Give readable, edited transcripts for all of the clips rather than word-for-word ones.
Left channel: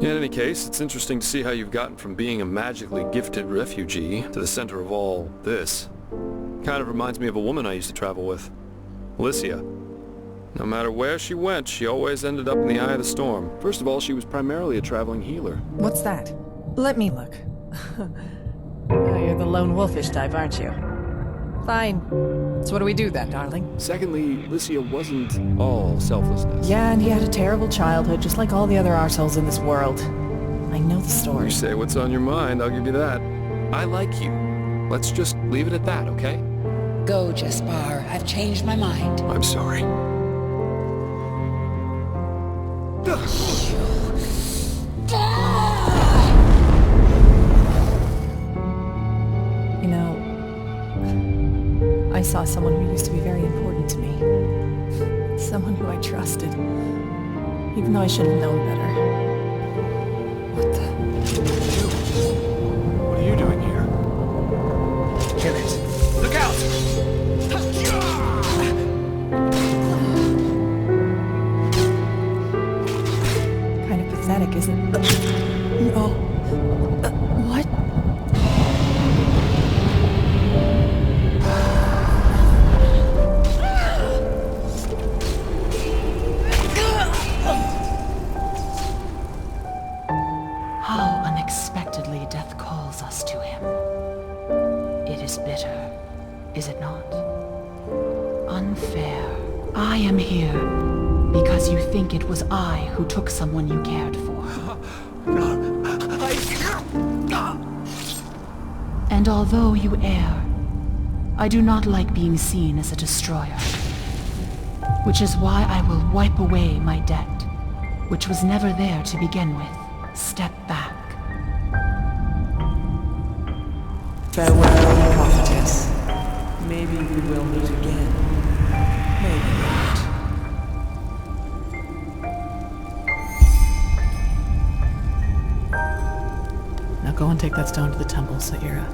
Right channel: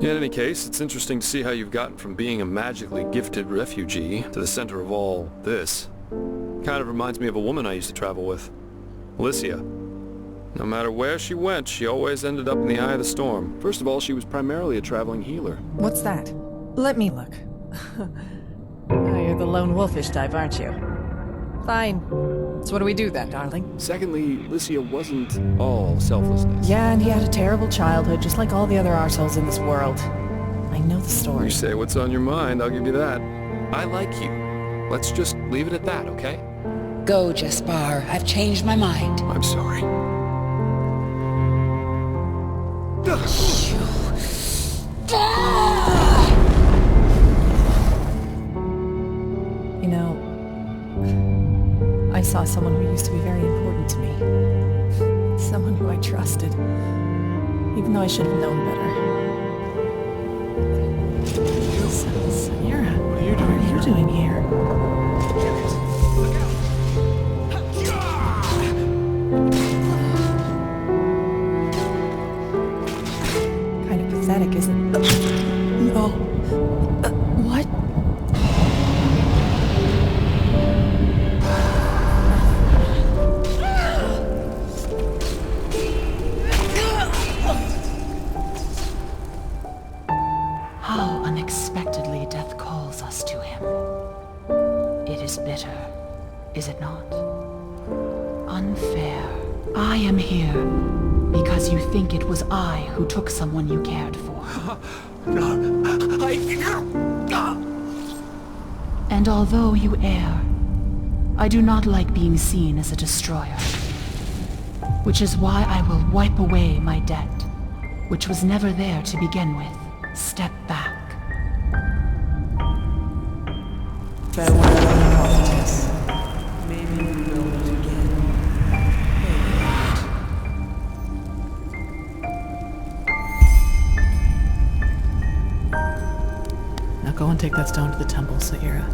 In any case, it's interesting to see how you've gotten from being a magically gifted refugee to the center of all this. Kind of reminds me of a woman I used to travel with. Alicia. No matter where she went, she always ended up in the eye of the storm. First of all, she was primarily a traveling healer. What's that? Let me look. Oh, you're the lone wolfish type, aren't you? Fine. So what do we do then, darling? Secondly, Alicia wasn't all selflessness. Yeah, and he had a terrible childhood, just like all the other arseholes in this world. I know the story. You say what's on your mind, I'll give you that. I like you. Let's just leave it at that, okay? Go, Jespar. I've changed my mind. I'm sorry. You know, I saw someone who used to be very important to me. Someone who I trusted. Even though I should have known better. What the... Mira, What are you doing here? What are you doing here? Get it! Look out! Kind of pathetic, isn't it? No. What? How unexpectedly death calls us to him. It is bitter, is it not? Unfair. I am here because you think it was I who took someone you cared for. And although you err, I do not like being seen as a destroyer. Which is why I will wipe away my debt, which was never there to begin with. Step back. Farewell, prophetess. Maybe we will meet again. Maybe not. Now go and take that stone to the temple, Saira.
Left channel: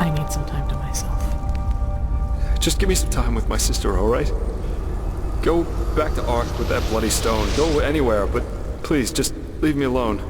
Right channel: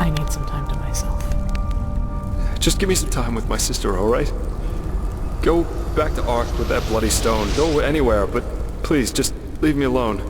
I need some time to myself. Just give me some time with my sister, alright? Go back to Ark with that bloody stone. Go anywhere, but please, just leave me alone.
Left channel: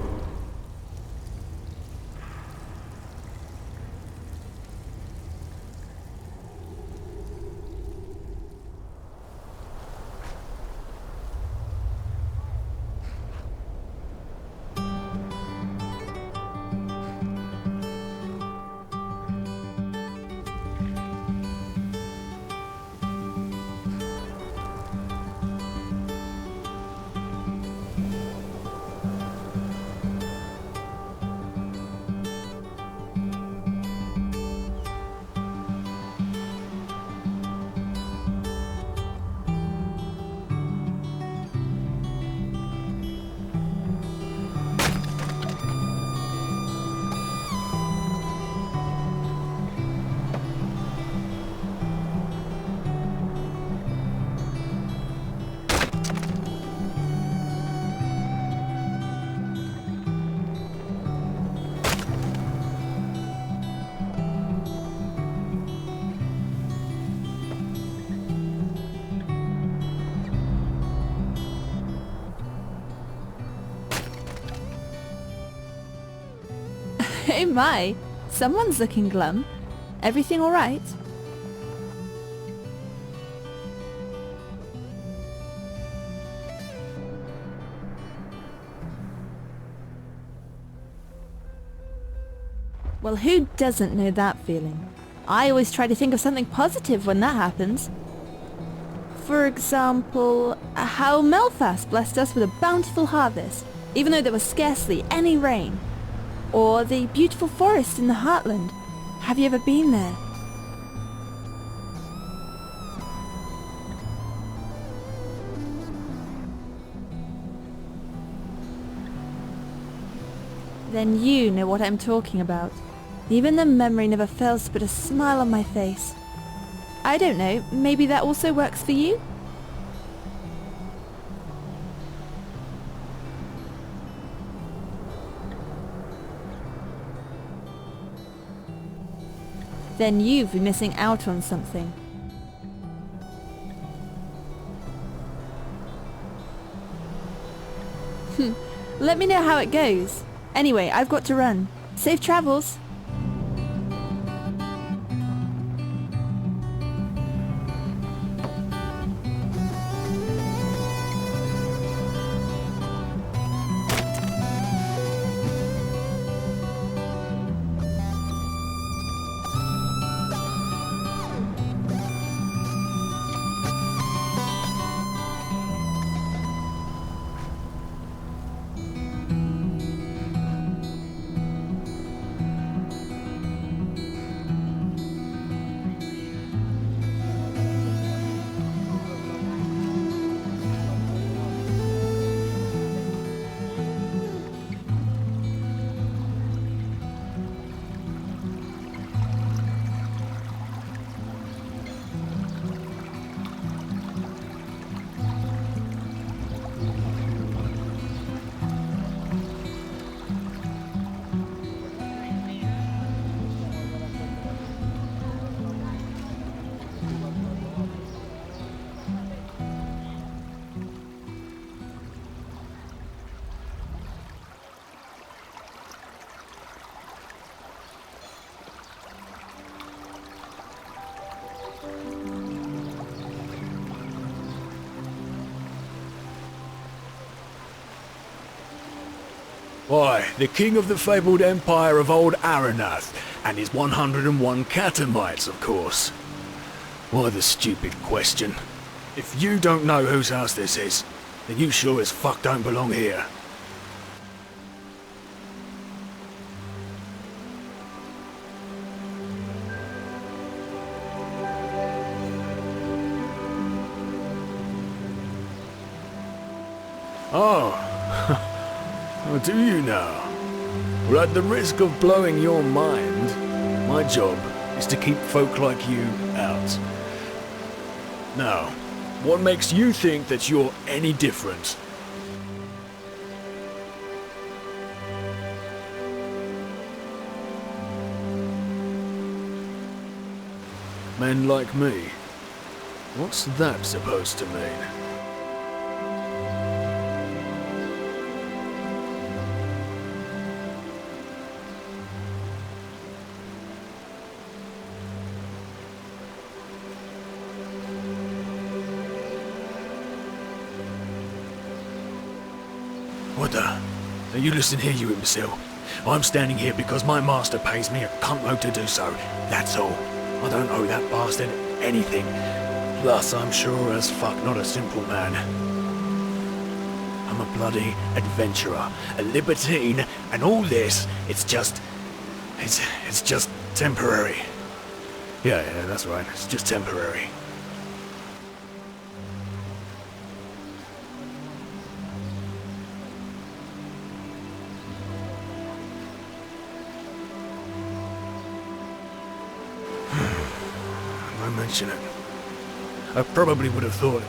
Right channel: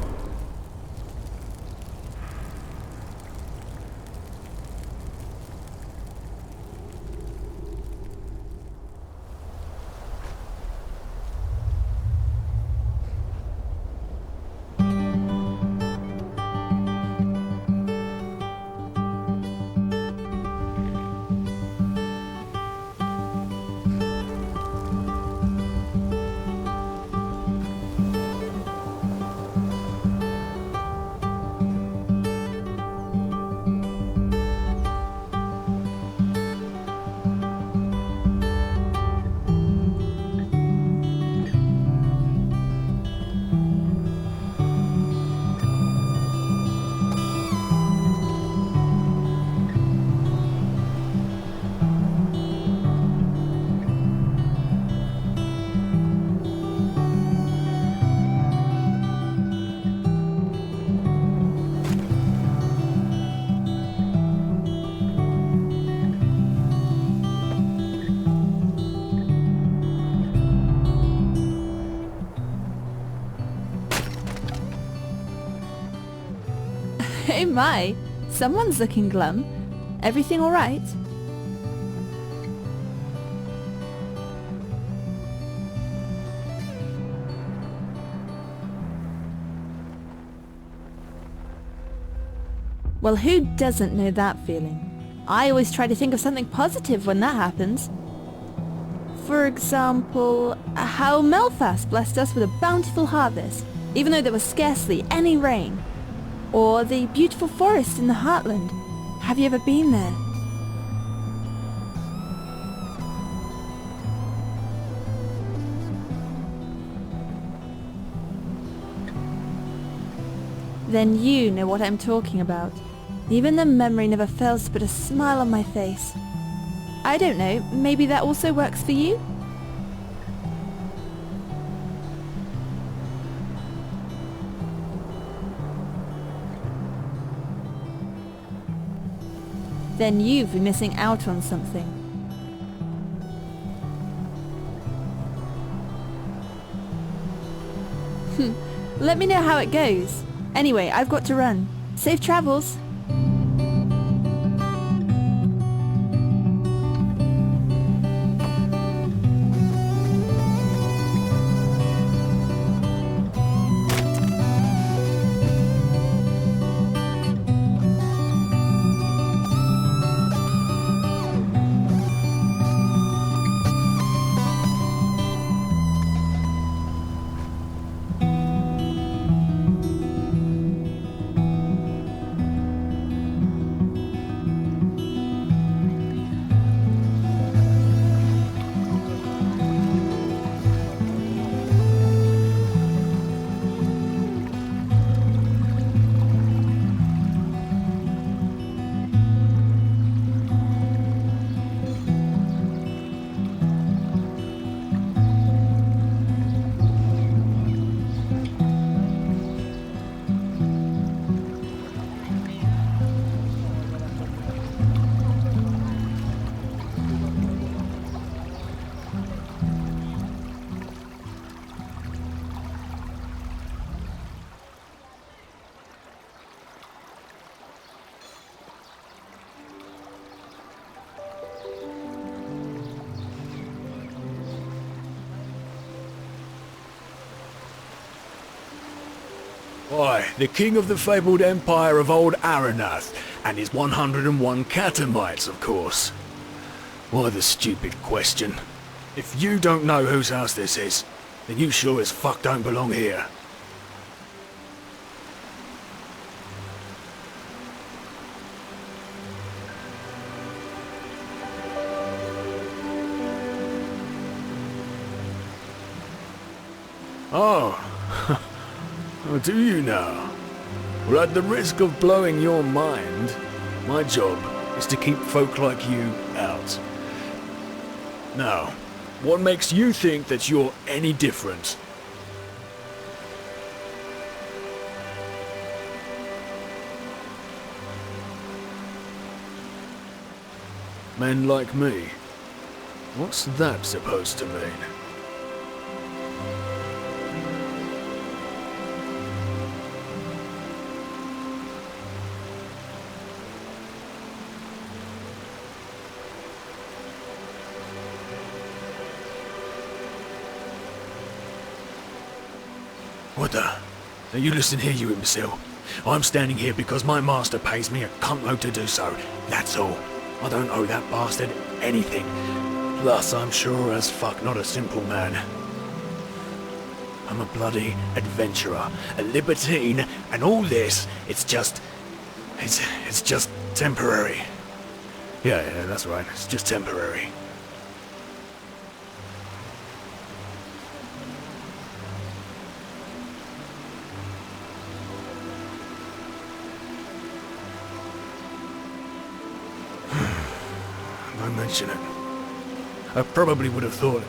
Hey my, someone's looking glum. Everything alright? Well, who doesn't know that feeling? I always try to think of something positive when that happens. For example, how Melfast blessed us with a bountiful harvest, even though there was scarcely any rain. Or the beautiful forest in the Heartland. Have you ever been there? Then you know what I'm talking about. Even the memory never fails to put a smile on my face. I don't know, maybe that also works for you? Then you've been missing out on something. Let me know how it goes. Anyway, I've got to run. Safe travels. Why, the king of the fabled empire of old Rynéus, and his 101 catamites, of course. Why the stupid question? If you don't know whose house this is, then you sure as fuck don't belong here. Oh. Oh, do you now? Well, at the risk of blowing your mind, my job is to keep folk like you out. Now, what makes you think that you're any different? Men like me? What's that supposed to mean? What the? Now you listen here, you imbecile. I'm standing here because my master pays me a cuntload to do so. That's all. I don't owe that bastard anything. Plus, I'm sure as fuck not a simple man. I'm a bloody adventurer, a libertine, and all this, it's just temporary. Yeah, that's right. It's just temporary. Don't mention it. I probably would have thought it.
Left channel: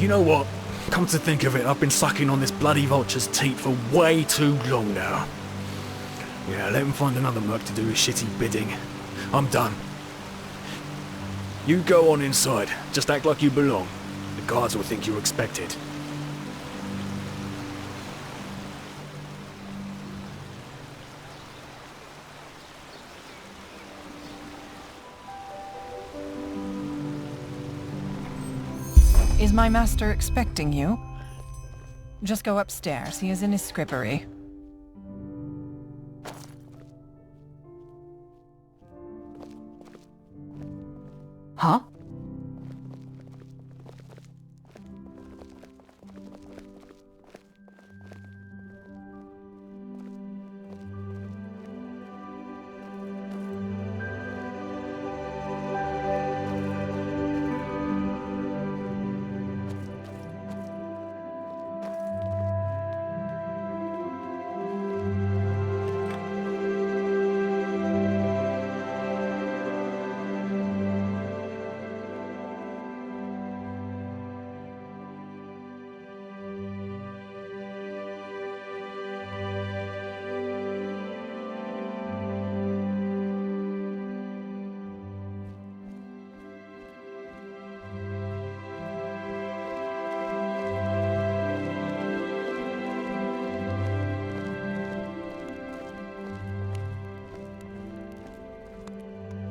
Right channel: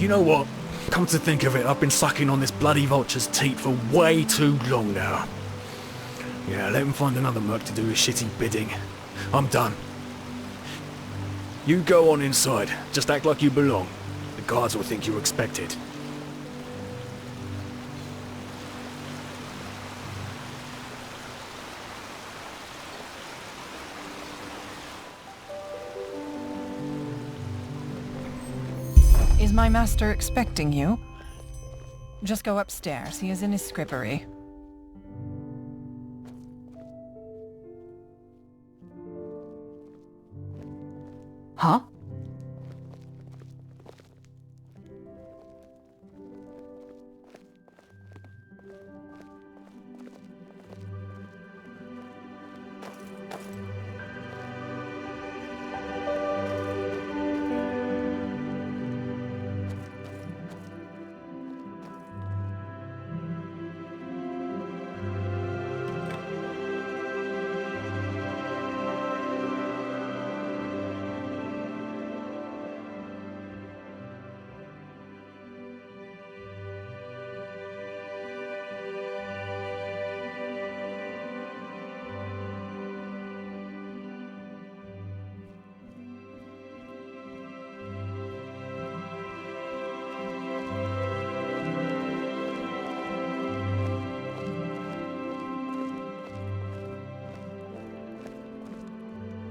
You know what? Come to think of it, I've been sucking on this bloody vulture's teat for way too long now. Yeah, let him find another merc to do his shitty bidding. I'm done. You go on inside. Just act like you belong. The guards will think you're expected. Is my master expecting you? Just go upstairs. He is in his scrippery. Huh?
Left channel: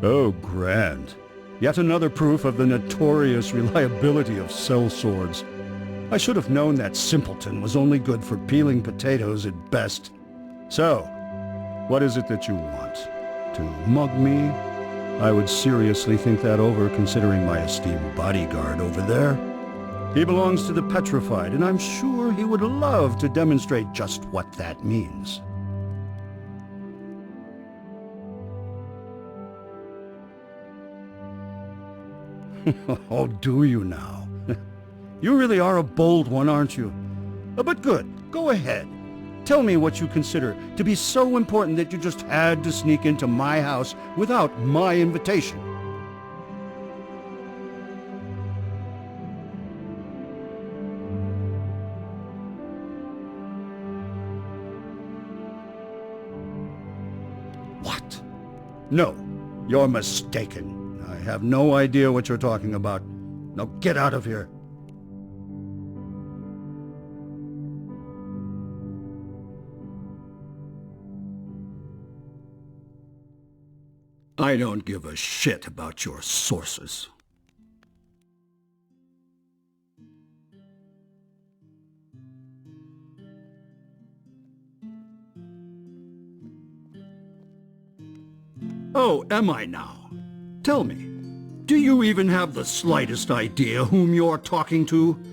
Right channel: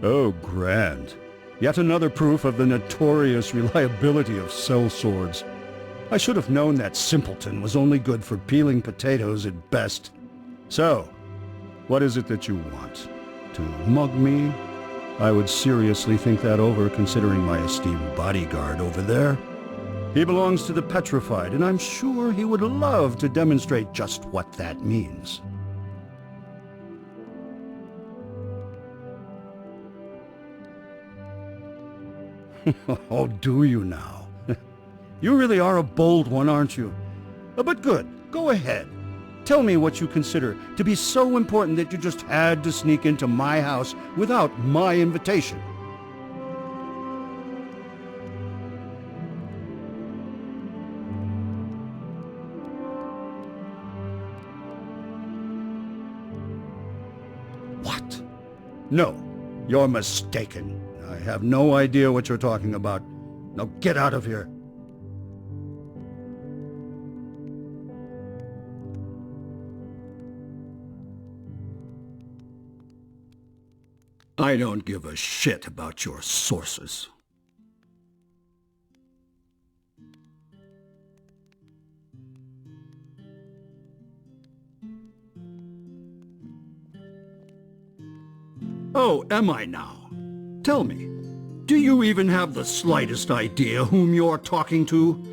Oh, grand. Yet another proof of the notorious reliability of sellswords. I should have known that simpleton was only good for peeling potatoes at best. So, what is it that you want? To mug me? I would seriously think that over, considering my esteemed bodyguard over there. He belongs to the petrified, and I'm sure he would love to demonstrate just what that means. Oh, do you now? You really are a bold one, aren't you? But good, go ahead. Tell me what you consider to be so important that you just had to sneak into my house without my invitation. What? No, you're mistaken. I have no idea what you're talking about. Now get out of here. I don't give a shit about your sources. Oh, am I now? Tell me, do you even have the slightest idea whom you're talking to?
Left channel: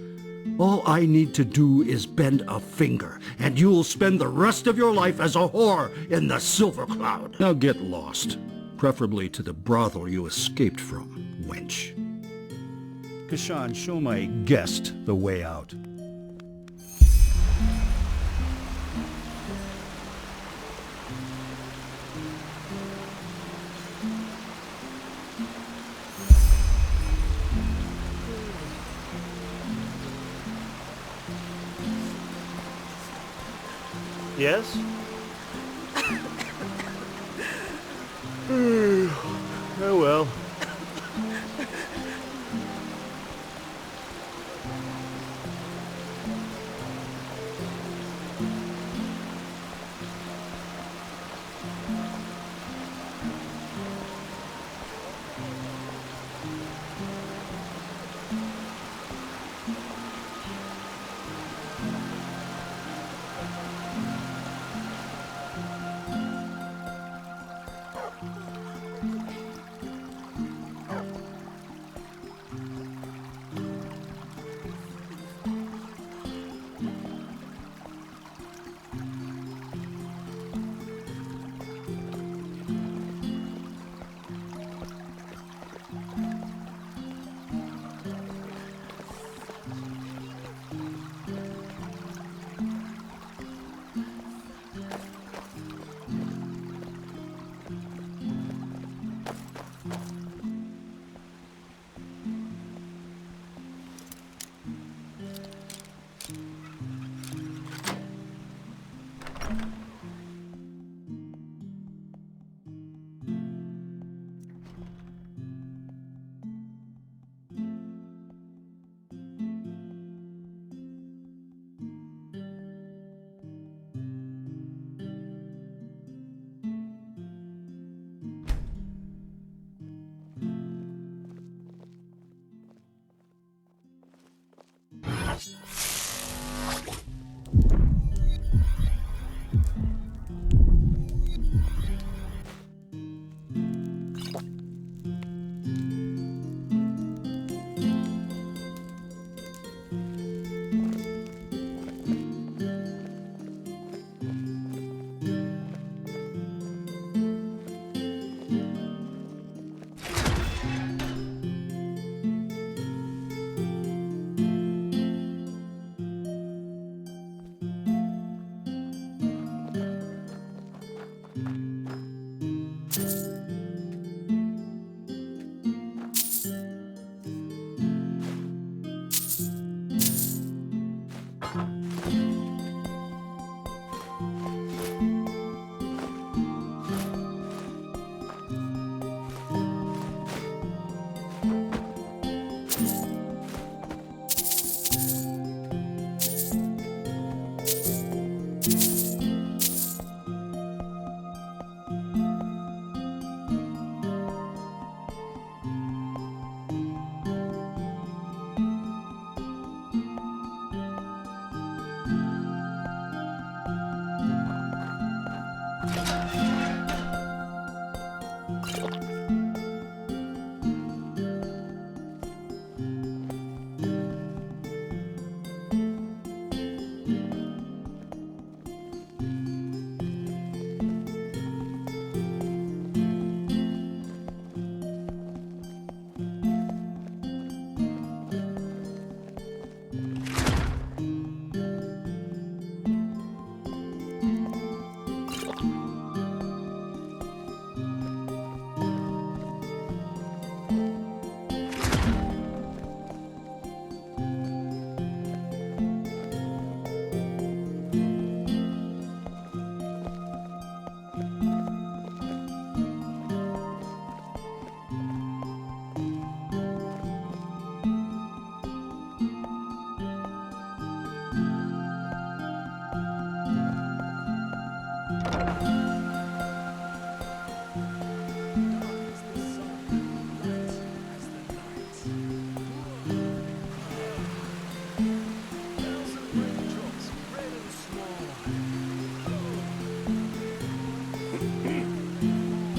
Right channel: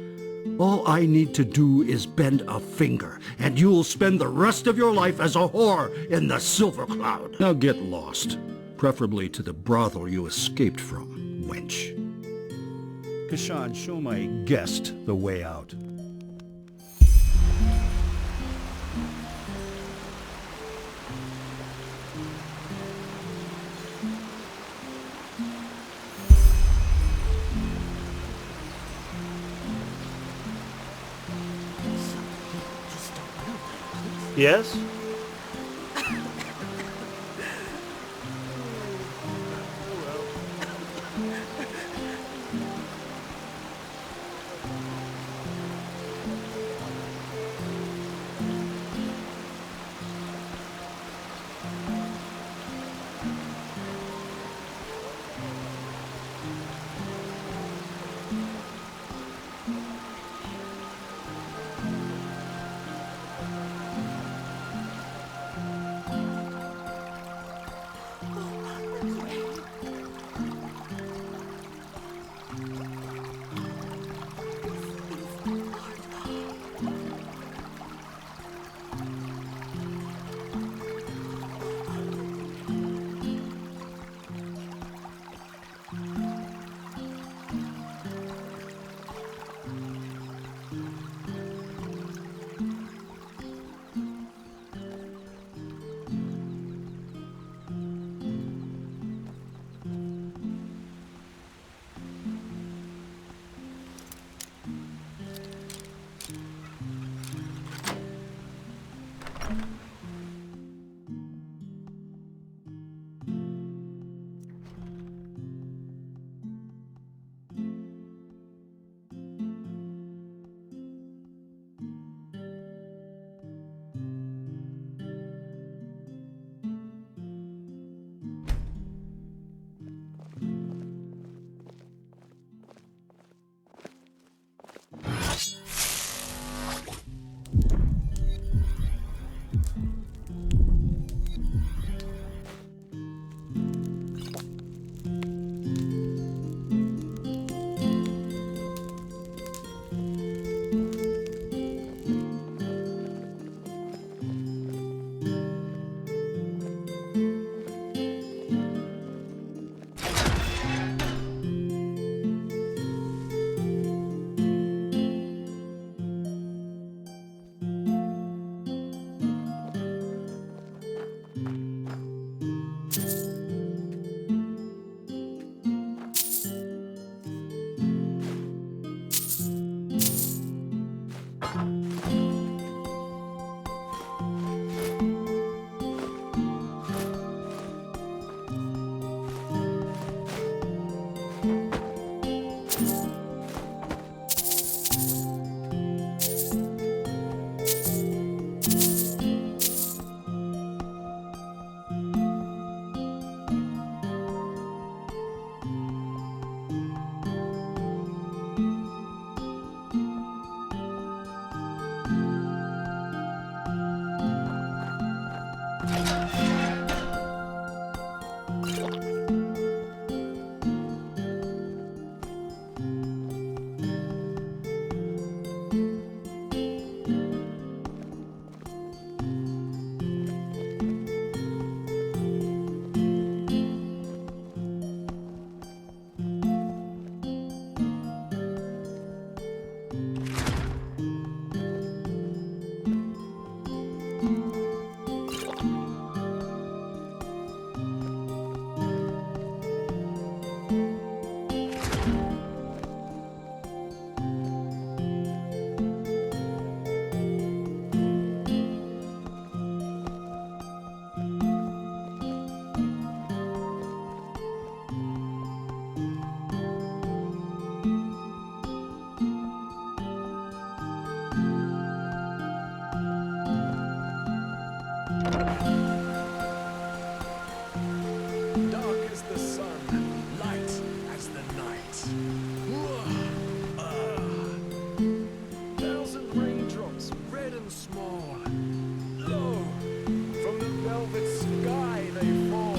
All I need to do is bend a finger, and you'll spend the rest of your life as a whore in the Silver Cloud. Now get lost, preferably to the brothel you escaped from, wench. Kashan, show my guest the way out. Yes? Oh well. more. Oh, from the velvet sky they fall.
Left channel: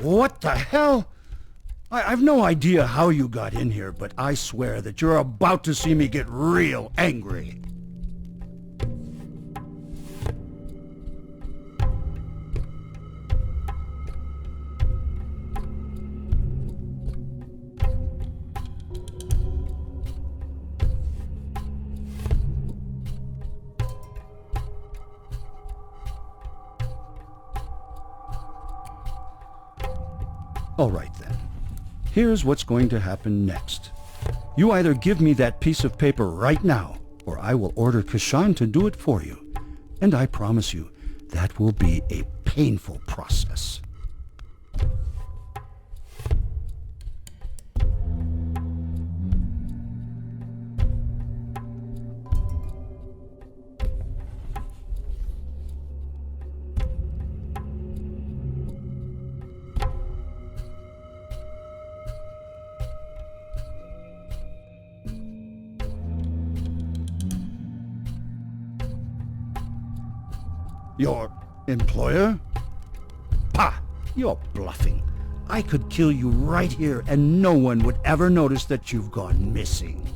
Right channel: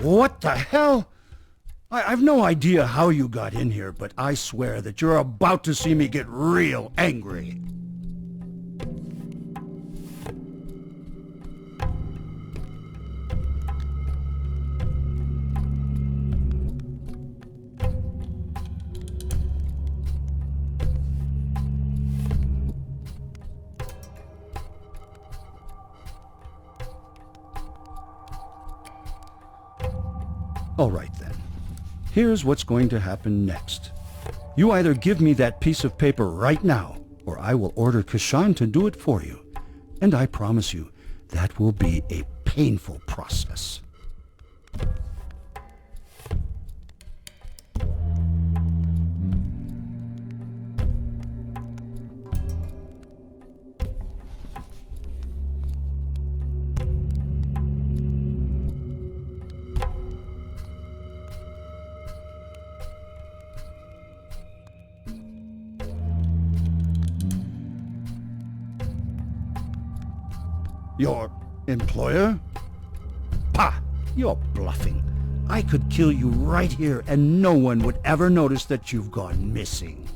What the hell? I've no idea how you got in here, but I swear that you're about to see me get real angry. All right then. Here's what's going to happen next. You either give me that piece of paper right now, or I will order Kashan to do it for you. And I promise you, that will be a painful process. Your employer? Pah! You're bluffing. I could kill you right here and no one would ever notice that you've gone missing.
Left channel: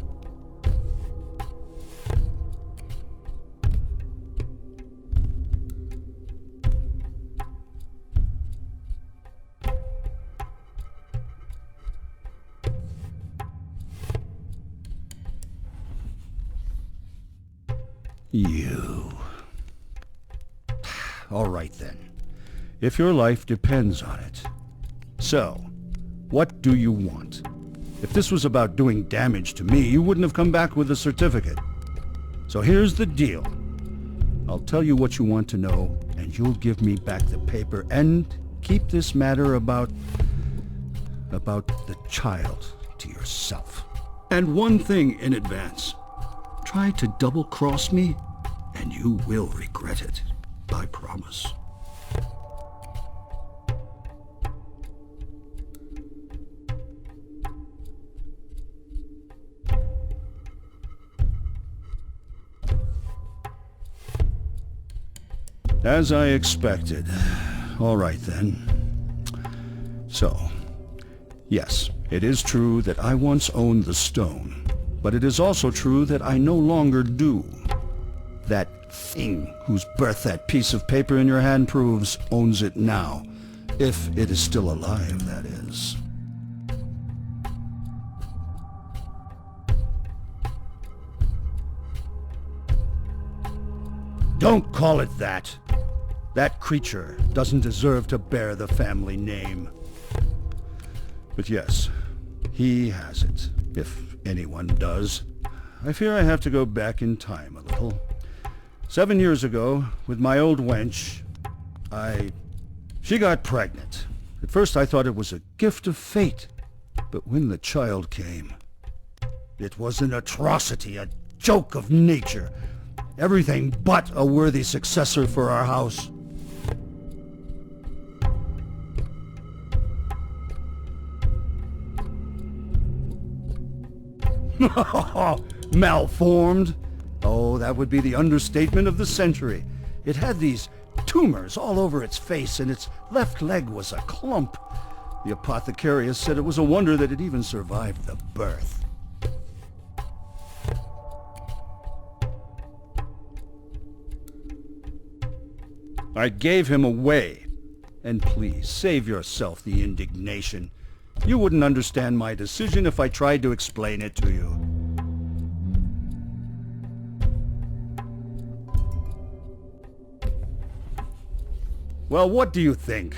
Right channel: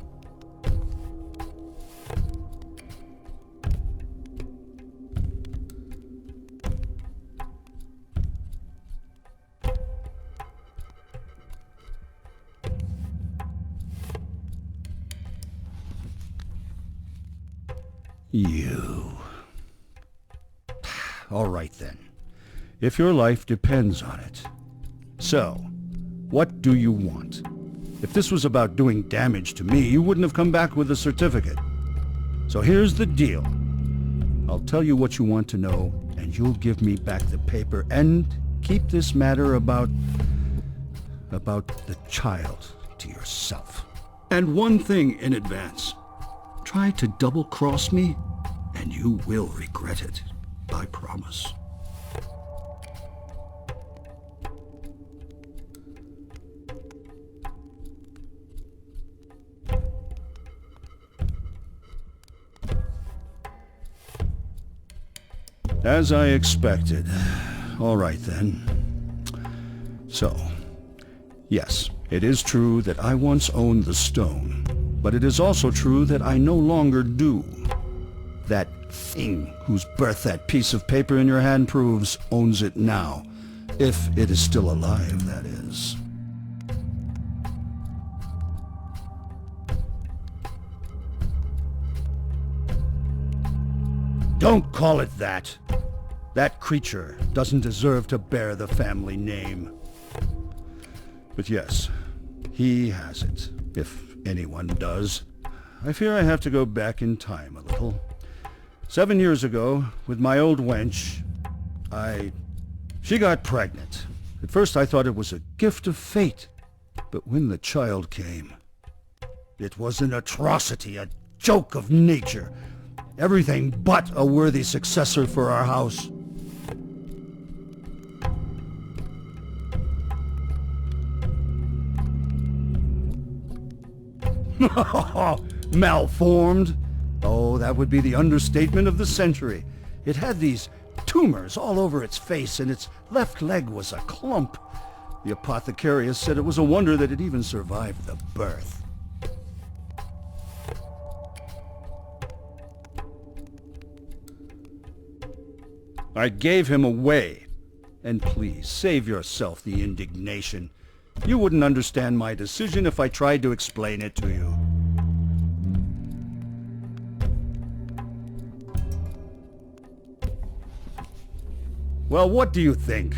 You... All right then, if your life depends on it. So, what do you want? If this was about doing damage to me, you wouldn't have come back with a certificate. So here's the deal. I'll tell you what you want to know, and you'll give me back the paper, and keep this matter about the child to yourself. And one thing in advance. Try to double-cross me, and you will regret it. I promise. As I expected, all right then. So, yes, it is true that I once owned the stone, but it is also true that I no longer do. That thing whose birth that piece of paper in your hand proves owns it now, if it is still alive, that is. Don't call it that. That creature doesn't deserve to bear the family name. But yes, he has it, if anyone does. I fear I have to go back in time a little. 7 years ago, with my old wench, she got pregnant. At first I thought it was a gift of fate, but when the child came, it was an atrocity, a joke of nature. Everything but a worthy successor for our house. Malformed? Oh, that would be the understatement of the century. It had these tumors all over its face, and its left leg was a clump. The apothecarius said it was a wonder that it even survived the birth. I gave him away. And please, save yourself the indignation. You wouldn't understand my decision if I tried to explain it to you. Well, what do you think?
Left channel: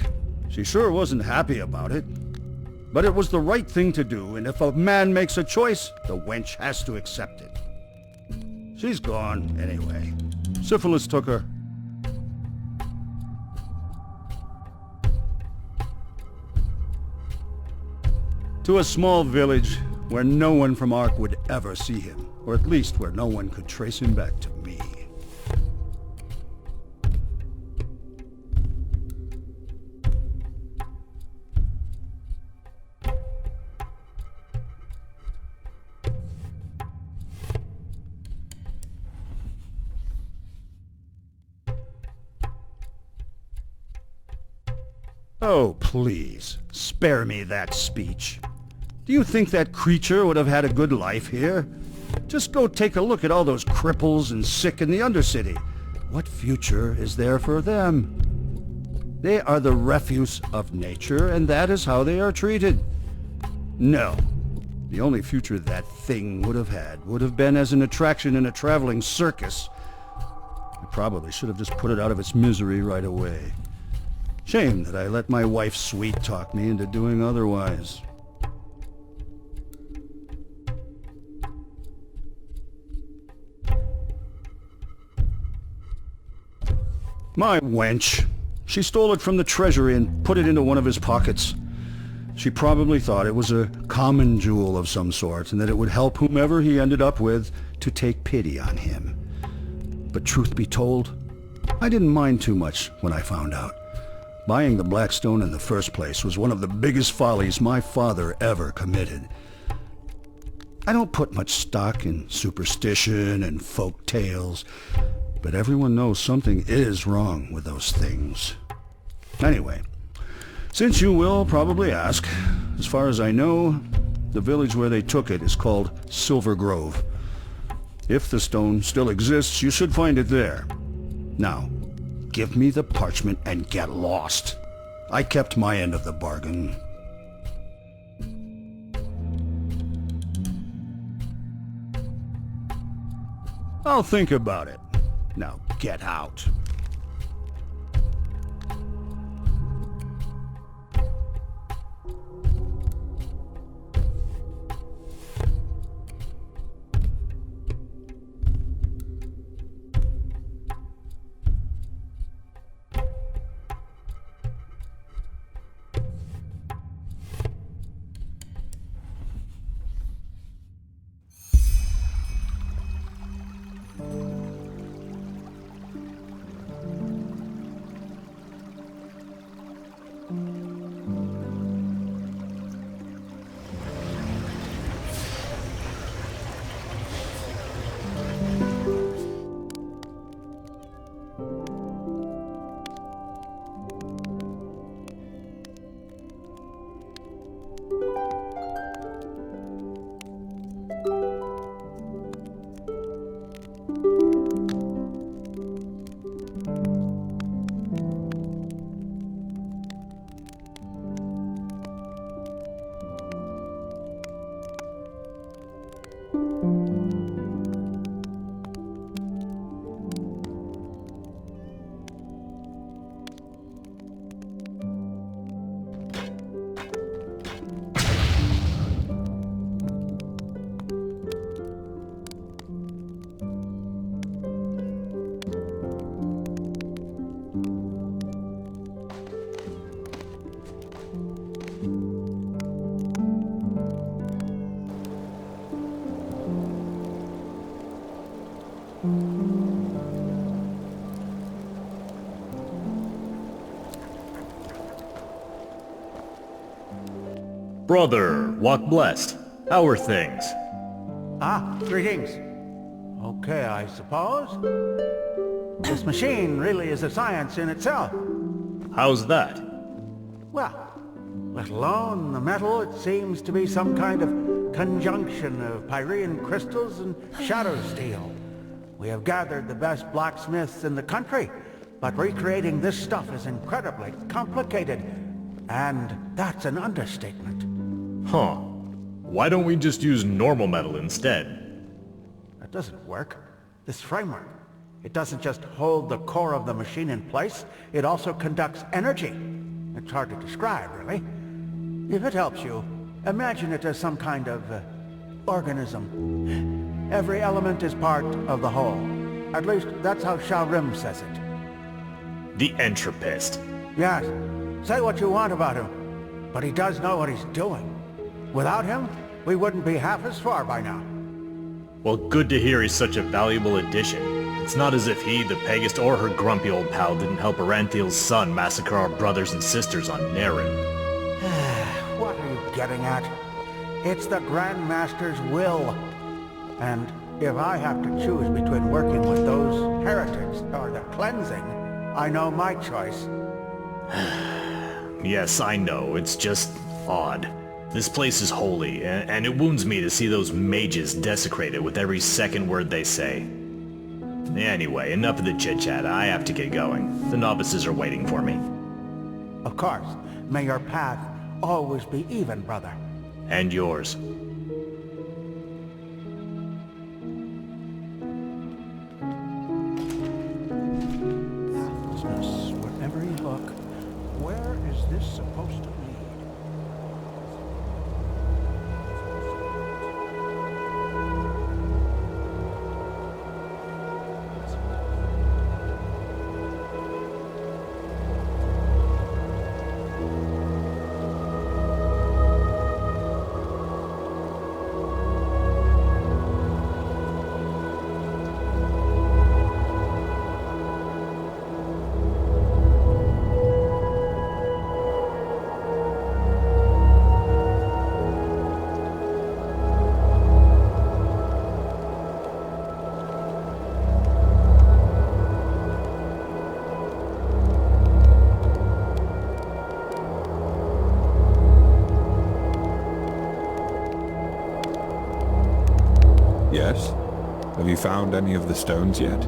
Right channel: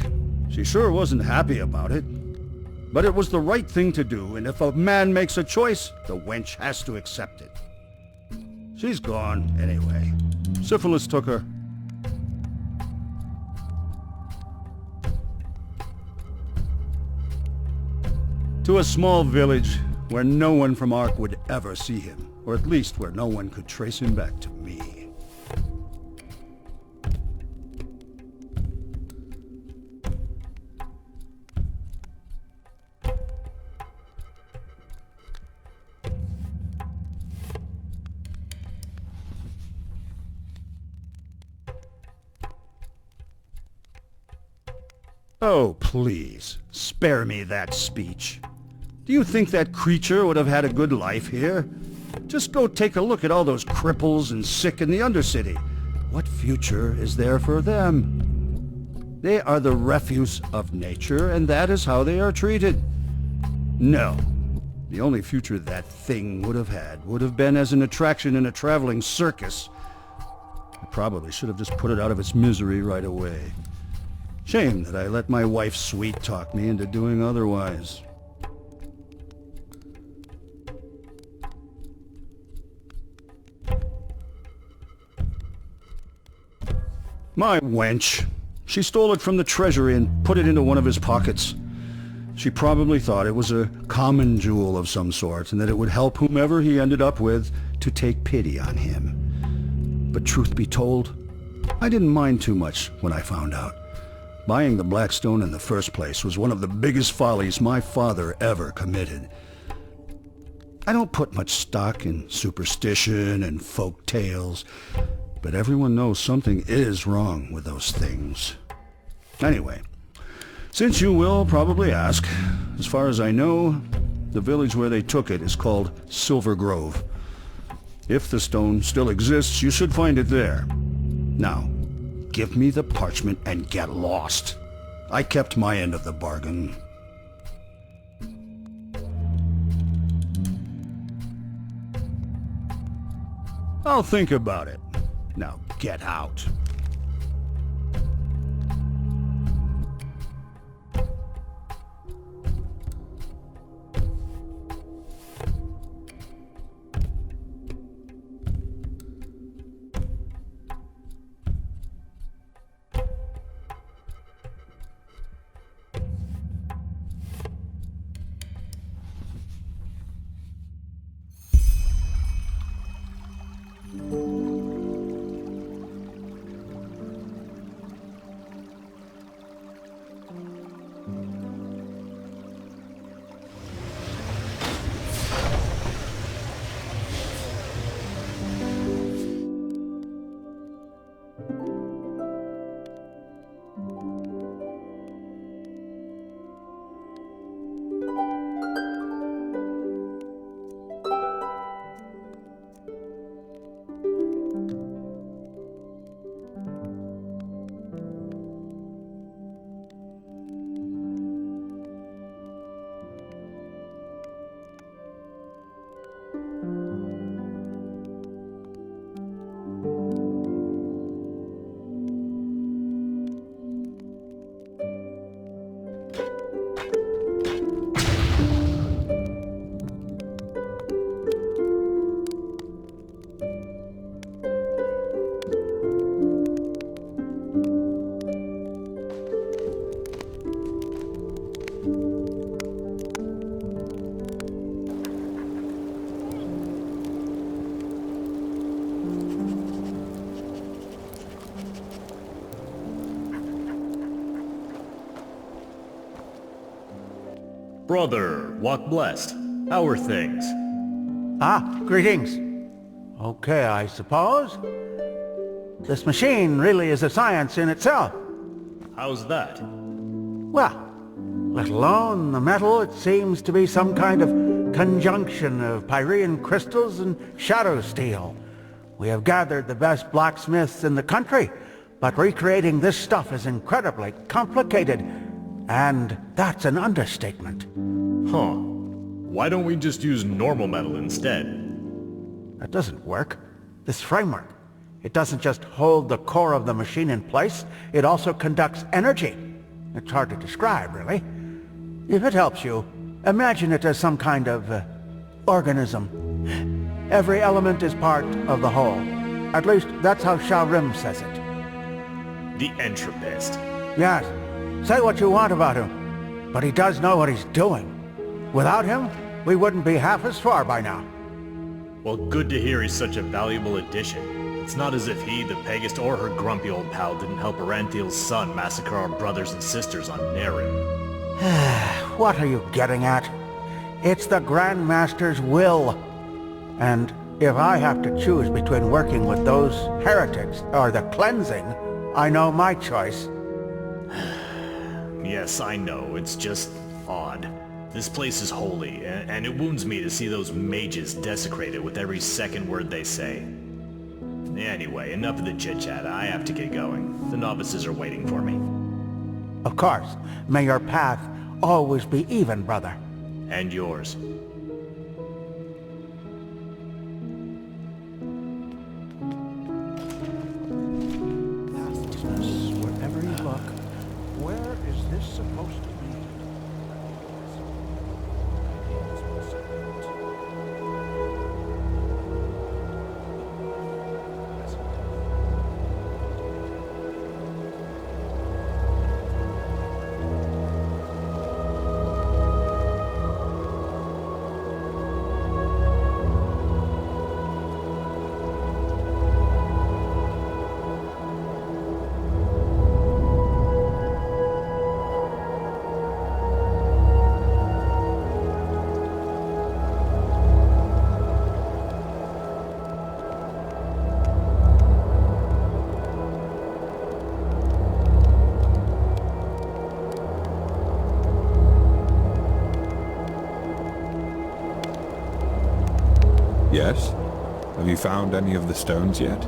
She sure wasn't happy about it. But it was the right thing to do, and if a man makes a choice, the wench has to accept it. She's gone, anyway. Syphilis took her. To a small village where no one from Ark would ever see him, or at least where no one could trace him back to me. Oh, please, spare me that speech. Do you think that creature would have had a good life here? Just go take a look at all those cripples and sick in the Undercity. What future is there for them? They are the refuse of nature, and that is how they are treated. No. The only future that thing would have had would have been as an attraction in a traveling circus. I probably should have just put it out of its misery right away. Shame that I let my wife sweet-talk me into doing otherwise. My wench. She stole it from the treasury and put it into one of his pockets. She probably thought it was a common jewel of some sort, and that it would help whomever he ended up with to take pity on him. But truth be told, I didn't mind too much when I found out. Buying the Blackstone in the first place was one of the biggest follies my father ever committed. I don't put much stock in superstition and folk tales, but everyone knows something is wrong with those things. Anyway, since you will probably ask, as far as I know, the village where they took it is called Silver Grove. If the stone still exists, you should find it there. Now, give me the parchment and get lost. I kept my end of the bargain. I'll think about it. Now get out. Brother, walk blessed. How are things? Ah, greetings. Okay, I suppose. This machine really is a science in itself. How's that? Well, let alone the metal, it seems to be some kind of conjunction of Pyrean crystals and shadow steel. We have gathered the best blacksmiths in the country, but recreating this stuff is incredibly complicated. And that's an understatement. Huh. Why don't we just use normal metal instead? That doesn't work. This framework, it doesn't just hold the core of the machine in place, it also conducts energy. It's hard to describe, really. If it helps you, imagine it as some kind of organism. Every element is part of the whole. At least, that's how Sharim says it. The entropist. Yes. Say what you want about him, but he does know what he's doing. Without him, we wouldn't be half as far by now. Well, good to hear he's such a valuable addition. It's not as if he, the Pegast, or her grumpy old pal didn't help Aranthiel's son massacre our brothers and sisters on Naren. What are you getting at? It's the Grand Master's will. And if I have to choose between working with those heretics or the cleansing, I know my choice. Yes, I know. It's just odd. This place is holy, and it wounds me to see those mages desecrated with every second word they say. Anyway, enough of the chit-chat. I have to get going. The novices are waiting for me. Of course. May your path always be even, brother. And yours. Pathlessness, wherever you look. Where is this supposed to be? Yes? Have you found any of the stones yet?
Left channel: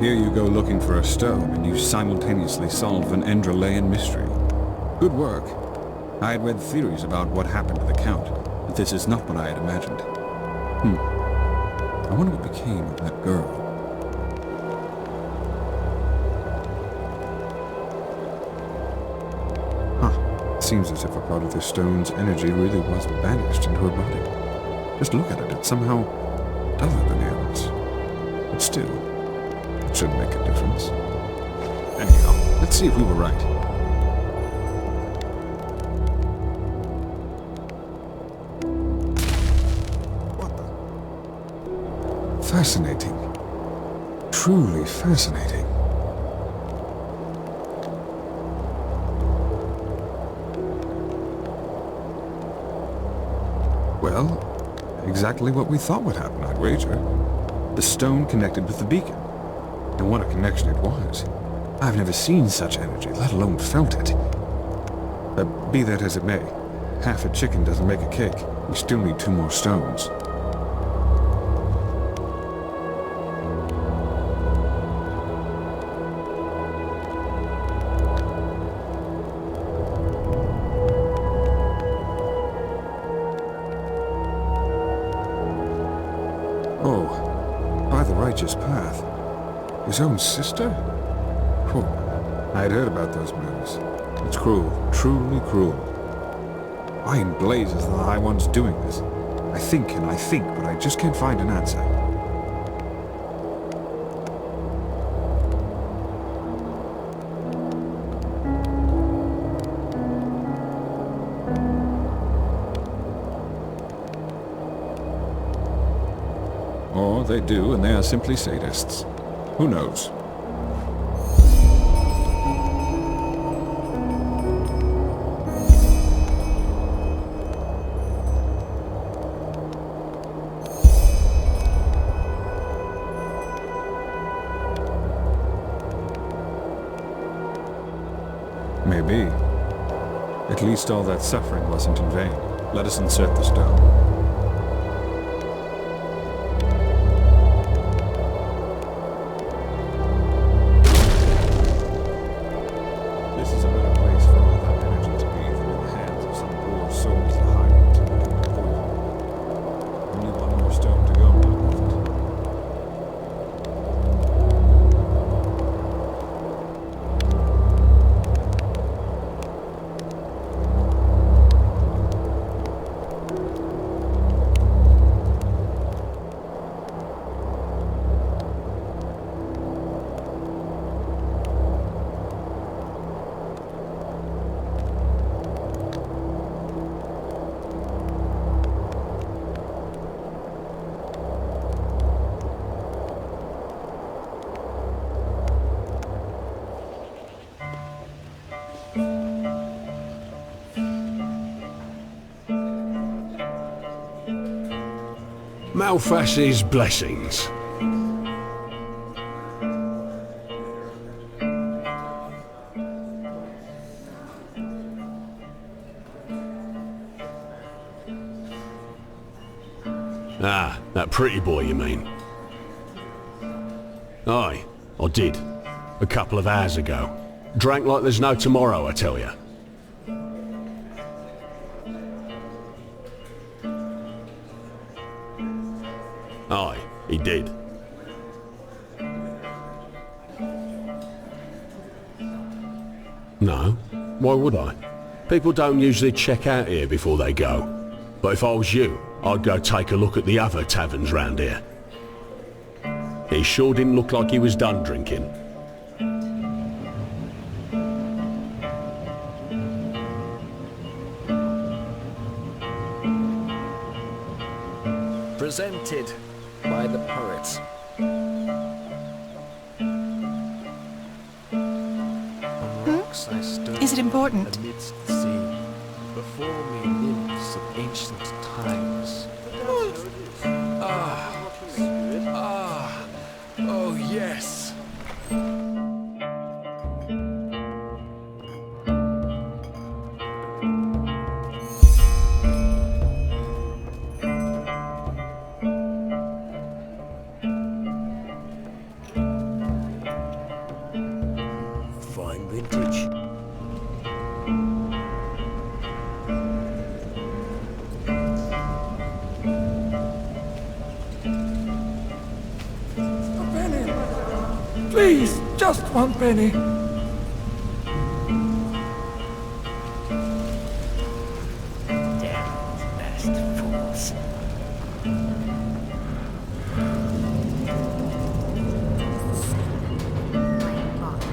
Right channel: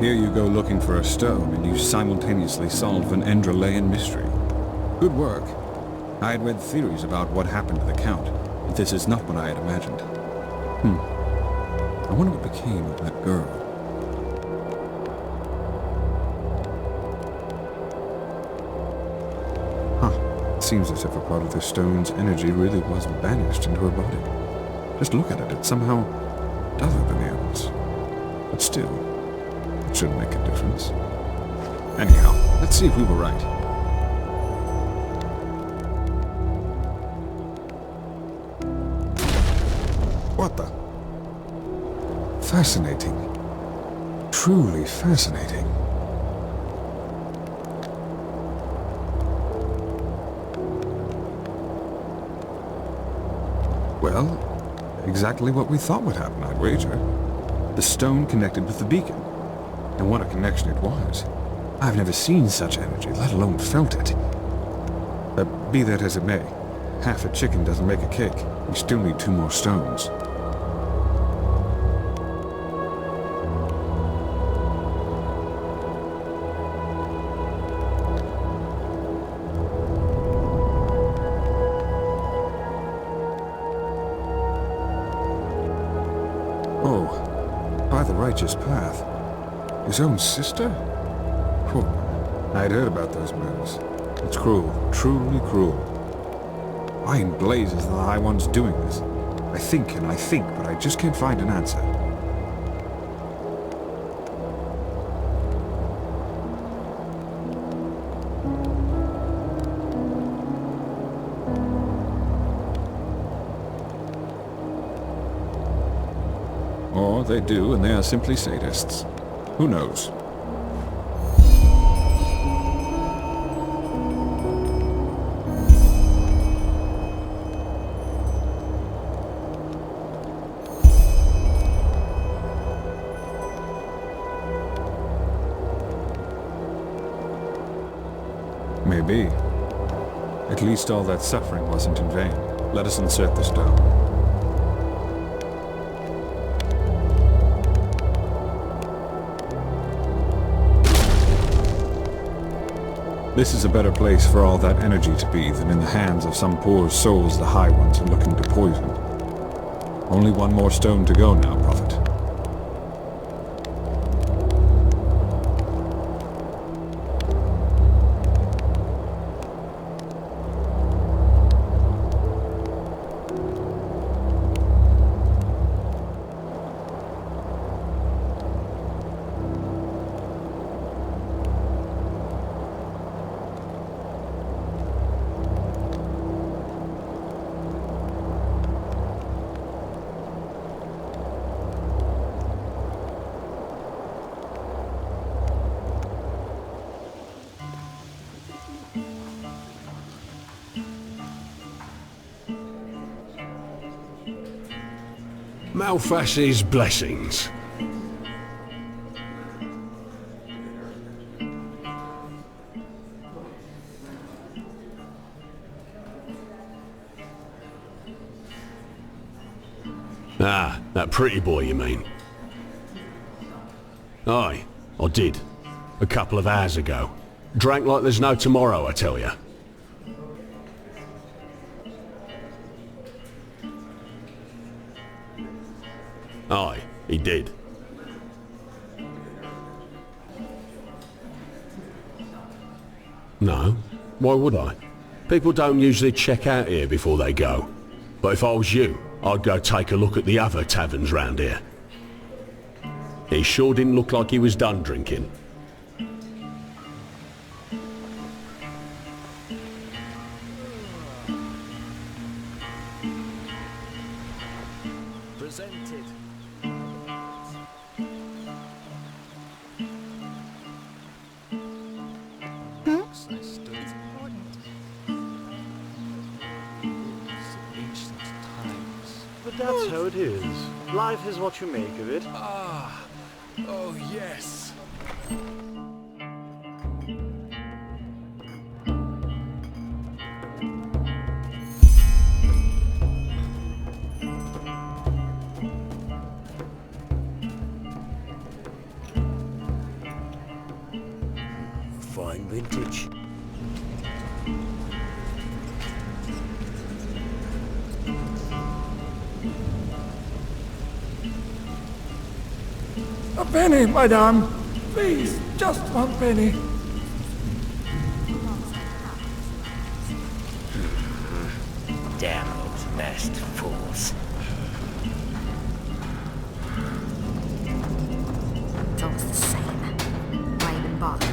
Here you go looking for a stone, and you simultaneously solve an Enderalayan mystery. Good work. I had read theories about what happened to the Count, but this is not what I had imagined. I wonder what became of that girl. Huh. Seems as if a part of the stone's energy really was banished into her body. Just look at it, it's somehow duller than the others. But still, it shouldn't make a difference. Anyhow, let's see if we were right. What the? Fascinating. Truly fascinating. Well, exactly what we thought would happen, I'd wager. The stone connected with the beacon. And what a connection it was. I've never seen such energy, let alone felt it. Be that as it may, half a chicken doesn't make a cake. We still need 2 more stones. Oh, by the righteous path. His own sister? Whew. I'd heard about those moves. It's cruel, truly cruel. Why in blazes are the High Ones doing this? I think and I think, but I just can't find an answer. Or they do, and they are simply sadists. Who knows? Maybe. At least all that suffering wasn't in vain. Let us insert the stone. This is a better place for all that energy to be than in the hands of some poor souls the High Ones are looking to poison. Only one more stone to go now, Prophet. Malphas's blessings. Ah, that pretty boy you mean? Aye, I did. A couple of hours ago. Drank like there's no tomorrow, I tell ya. Aye, he did. No, why would I? People don't usually check out here before they go. But if I was you, I'd go take a look at the other taverns round here. He sure didn't look like he was done drinking. Presented by the poets. Is it important? Amidst the sea, before me nymphs of ancient times. But that's how it is. Life is what you make of it. Oh yes. Fine vintage. A penny, madame. Please, just 1 penny. Damn those masked fools. It's almost the same. Why even bother?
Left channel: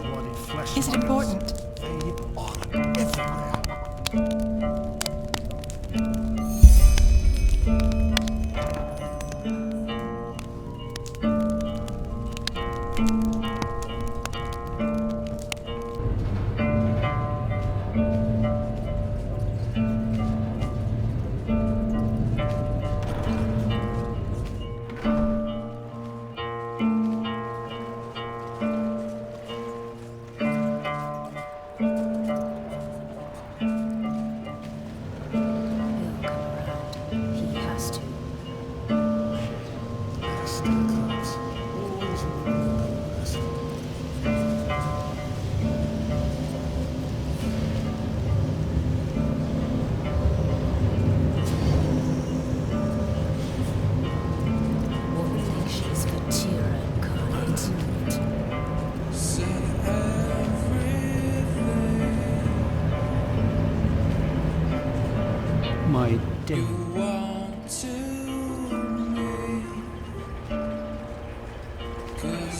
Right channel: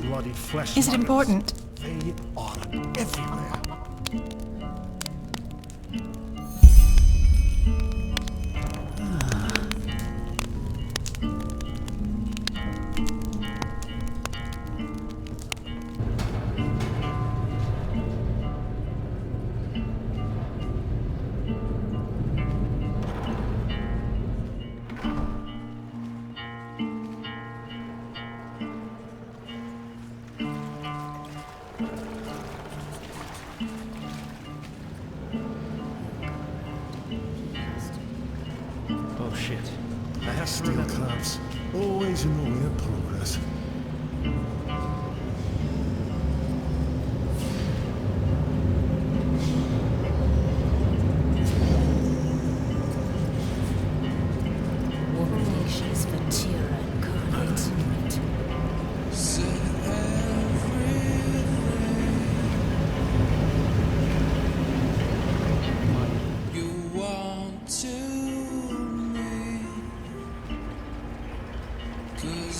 Bloody flesh. Is it important? They are everywhere.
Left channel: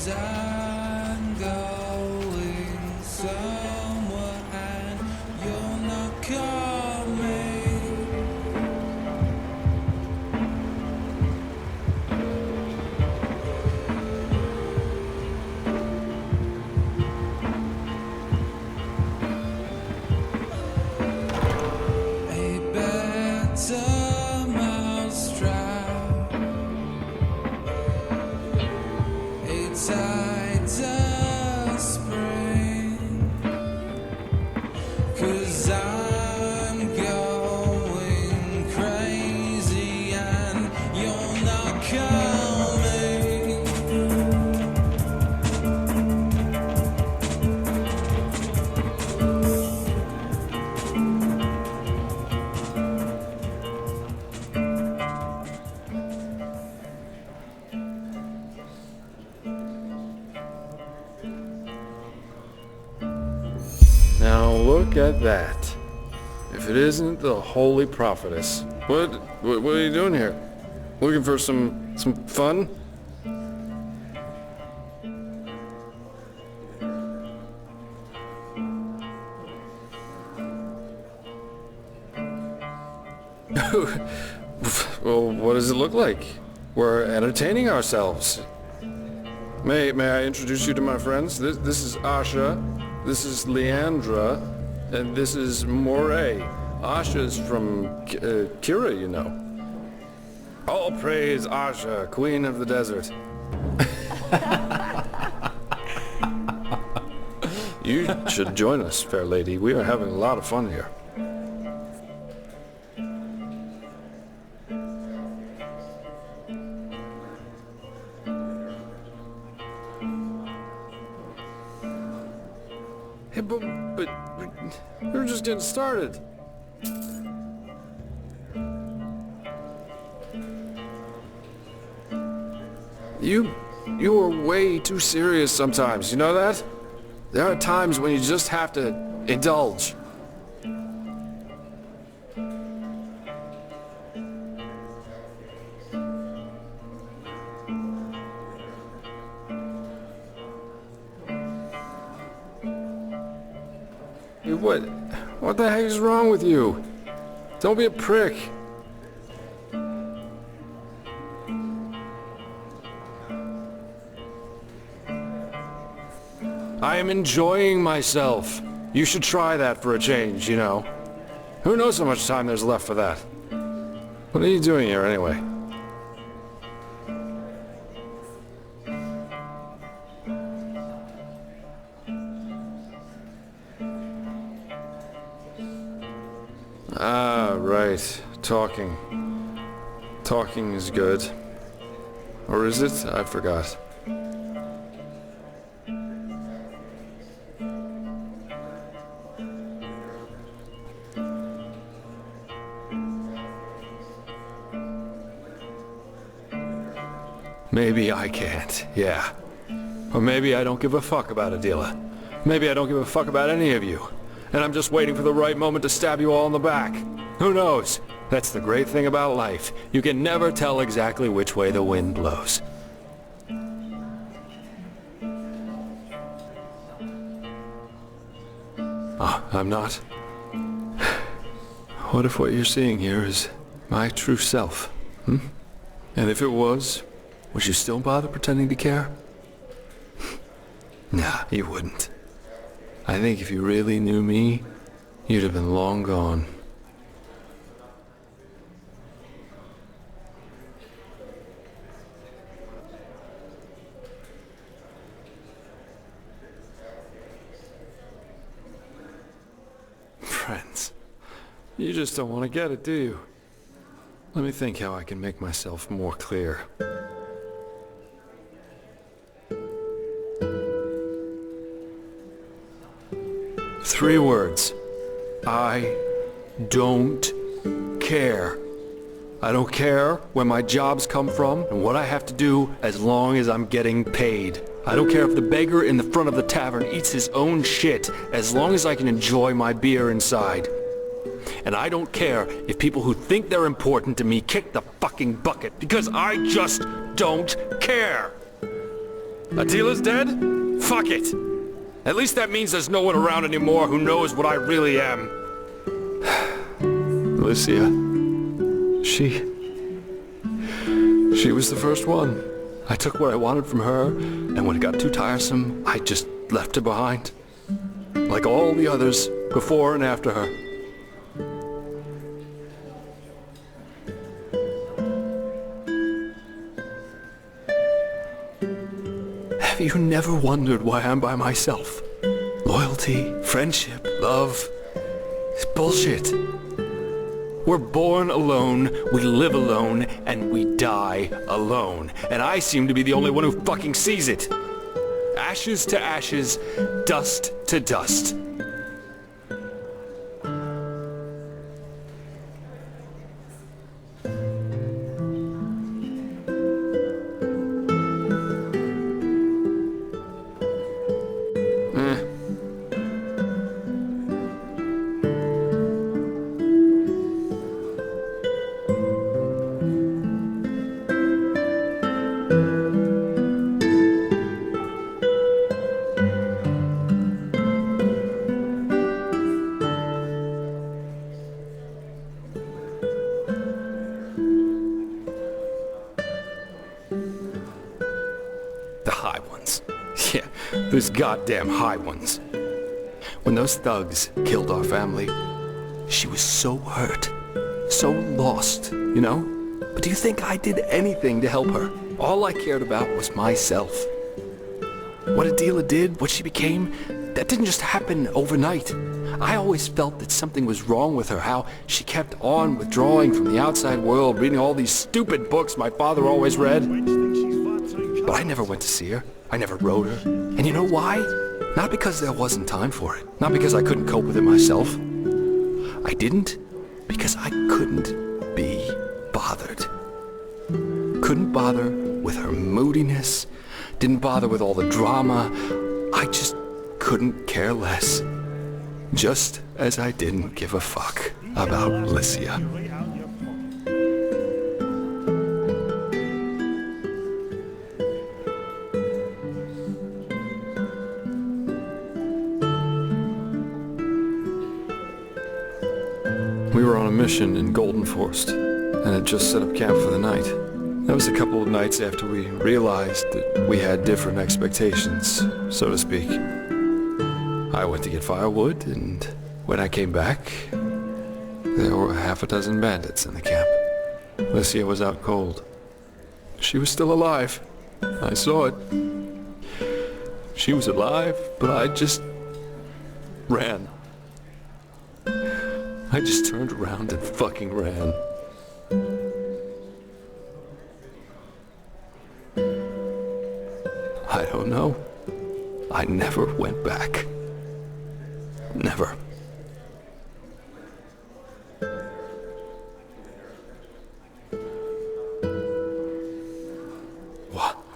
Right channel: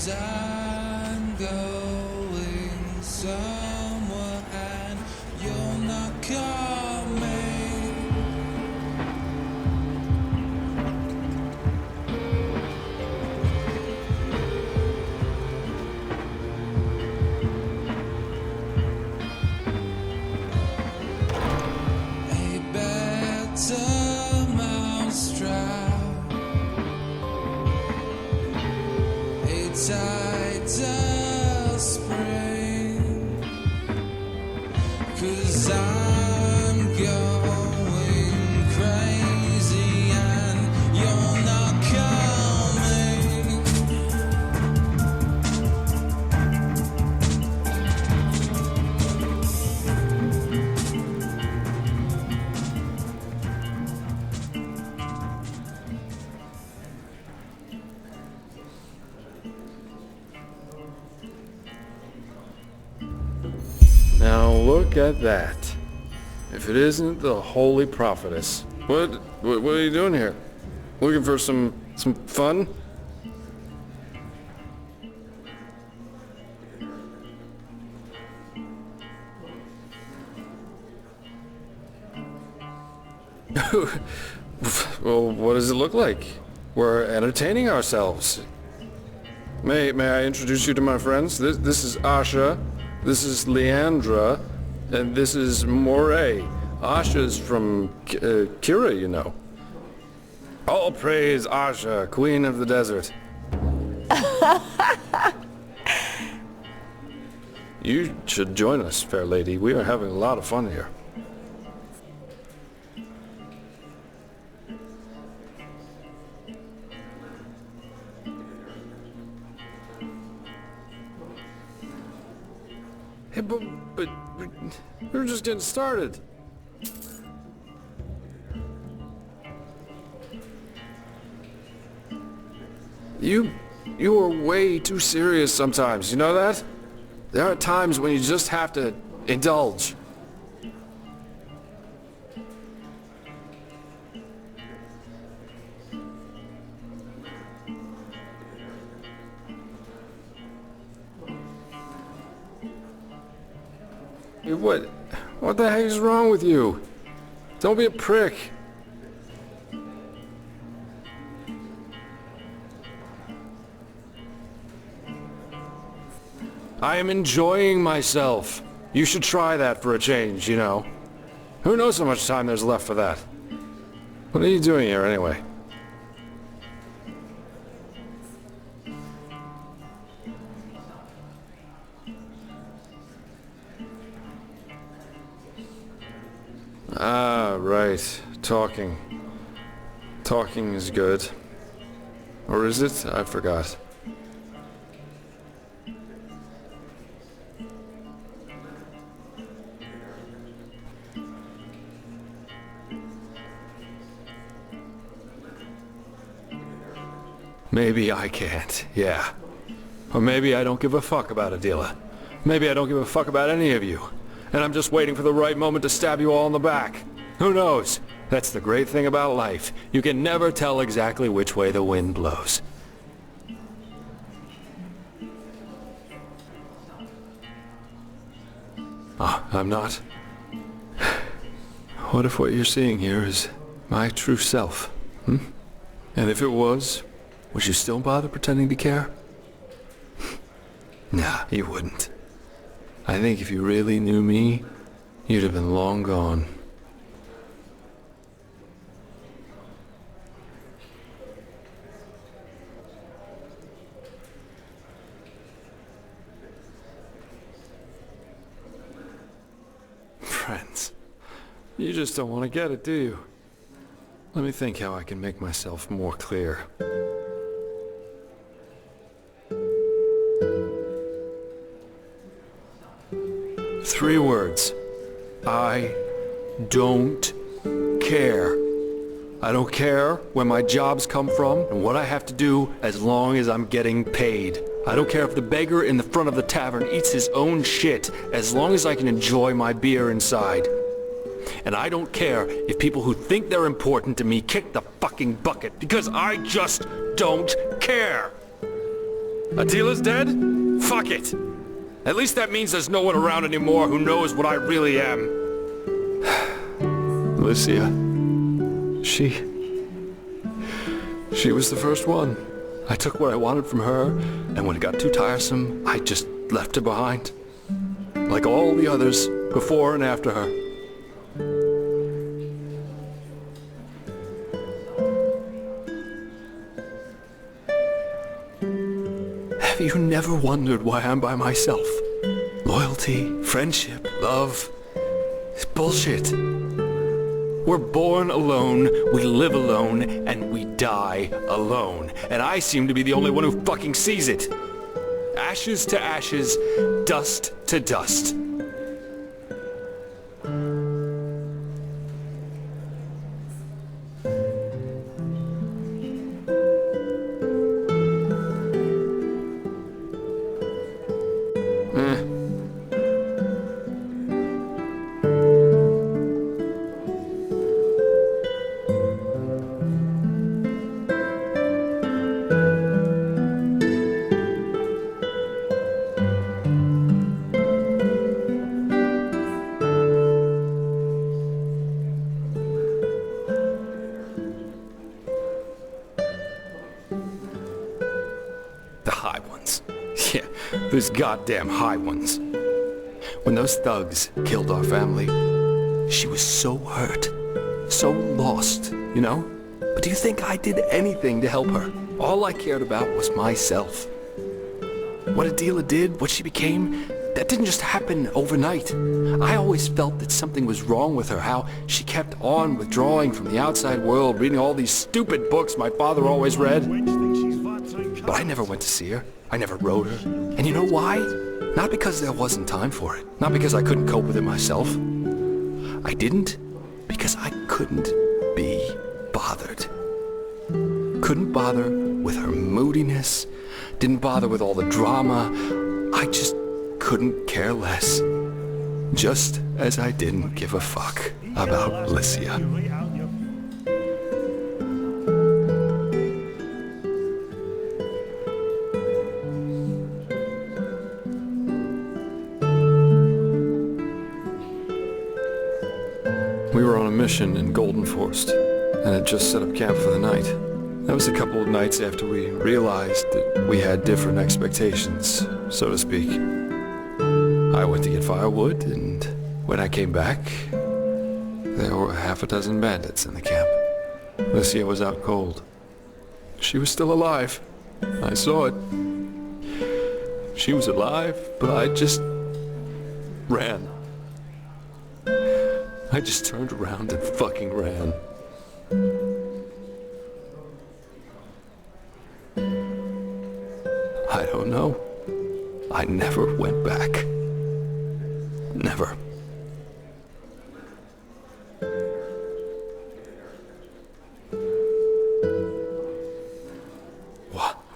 'Cause I'm going somewhere and you're not coming. A better mousetrap, a tighter spring. 'Cause I'm going crazy and you're not coming. Now look at that. If it isn't the Holy Prophetess. What are you doing here? Looking for some fun? Well, what does it look like? We're entertaining ourselves. May I introduce you to my friends? This is Asha, this is Leandra, and this is Moray. Asha's from Kira, you know. All praise Asha, Queen of the Desert. You should join us, fair lady. We are having a lot of fun here. Hey, but we're just getting started. You are way too serious sometimes, you know that? There are times when you just have to indulge. What the heck is wrong with you? Don't be a prick. I am enjoying myself. You should try that for a change, you know. Who knows how much time there's left for that? What are you doing here anyway? Ah, right. Talking. Talking is good. Or is it? I forgot. Maybe I can't, yeah. Or maybe I don't give a fuck about Adila. Maybe I don't give a fuck about any of you. And I'm just waiting for the right moment to stab you all in the back. Who knows? That's the great thing about life. You can never tell exactly which way the wind blows. Ah, I'm not? What if what you're seeing here is my true self? Hmm? And if it was, would you still bother pretending to care? Nah, you wouldn't. I think if you really knew me, you'd have been long gone. Friends, you just don't want to get it, do you? Let me think how I can make myself more clear. 3 words. I don't care. I don't care where my jobs come from and what I have to do as long as I'm getting paid. I don't care if the beggar in the front of the tavern eats his own shit as long as I can enjoy my beer inside. And I don't care if people who think they're important to me kick the fucking bucket because I just don't care. Attila's dead? Fuck it! At least that means there's no one around anymore who knows what I really am. Alicia. She was the first one. I took what I wanted from her, and when it got too tiresome, I just left her behind. Like all the others, before and after her. Have you never wondered why I'm by myself? Loyalty, friendship, love. It's bullshit. We're born alone, we live alone, and we die alone. And I seem to be the only one who fucking sees it. Ashes to ashes, dust to dust. Those goddamn high ones. When those thugs killed our family, she was so hurt, so lost, you know? But do you think I did anything to help her? All I cared about was myself. What Adela did, what she became, that didn't just happen overnight. I always felt that something was wrong with her, how she kept on withdrawing from the outside world, reading all these stupid books my father always read. But I never went to see her. I never wrote her. And you know why? Not because there wasn't time for it. Not because I couldn't cope with it myself. I didn't because I couldn't be bothered. Couldn't bother with her moodiness. Didn't bother with all the drama. I just couldn't care less. Just as I didn't give a fuck about Alicia. We were on a mission in Golden Forest, and had just set up camp for the night. That was a couple of nights after we realized that we had different expectations, so to speak. I went to get firewood, and when I came back, there were half a dozen bandits in the camp. Alicia was out cold. She was still alive. I saw it. She was alive, but I just ran. I just turned around and fucking ran. I don't know. I never went back. Never.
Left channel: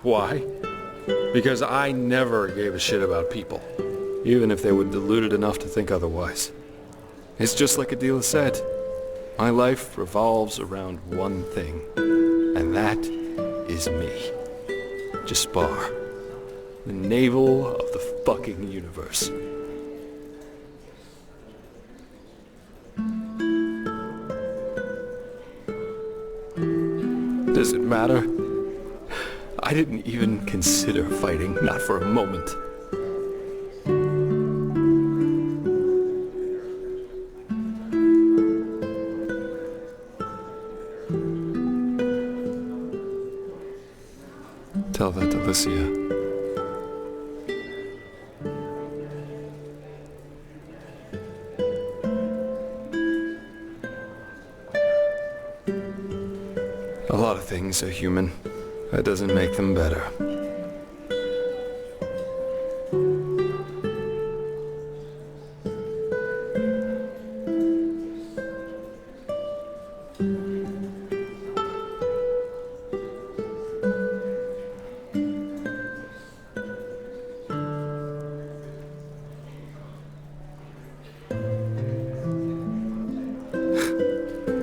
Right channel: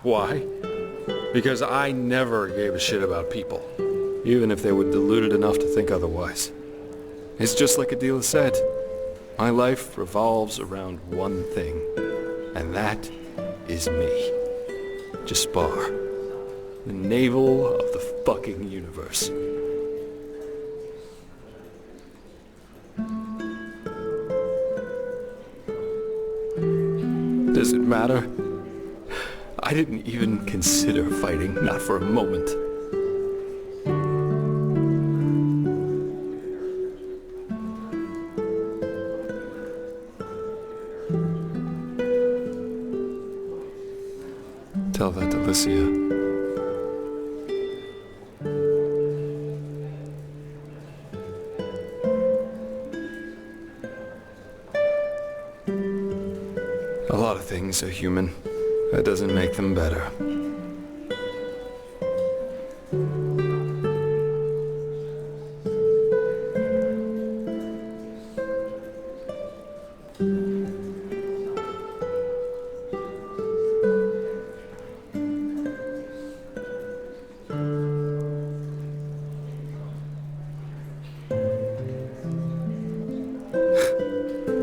Why? Because I never gave a shit about people, even if they were deluded enough to think otherwise. It's just like Adela said. My life revolves around one thing, and that is me. Jaspar, the navel of the fucking universe. Does it matter? I didn't even consider fighting, not for a moment. Tell that to Alicia. A lot of things are human. That doesn't make them better.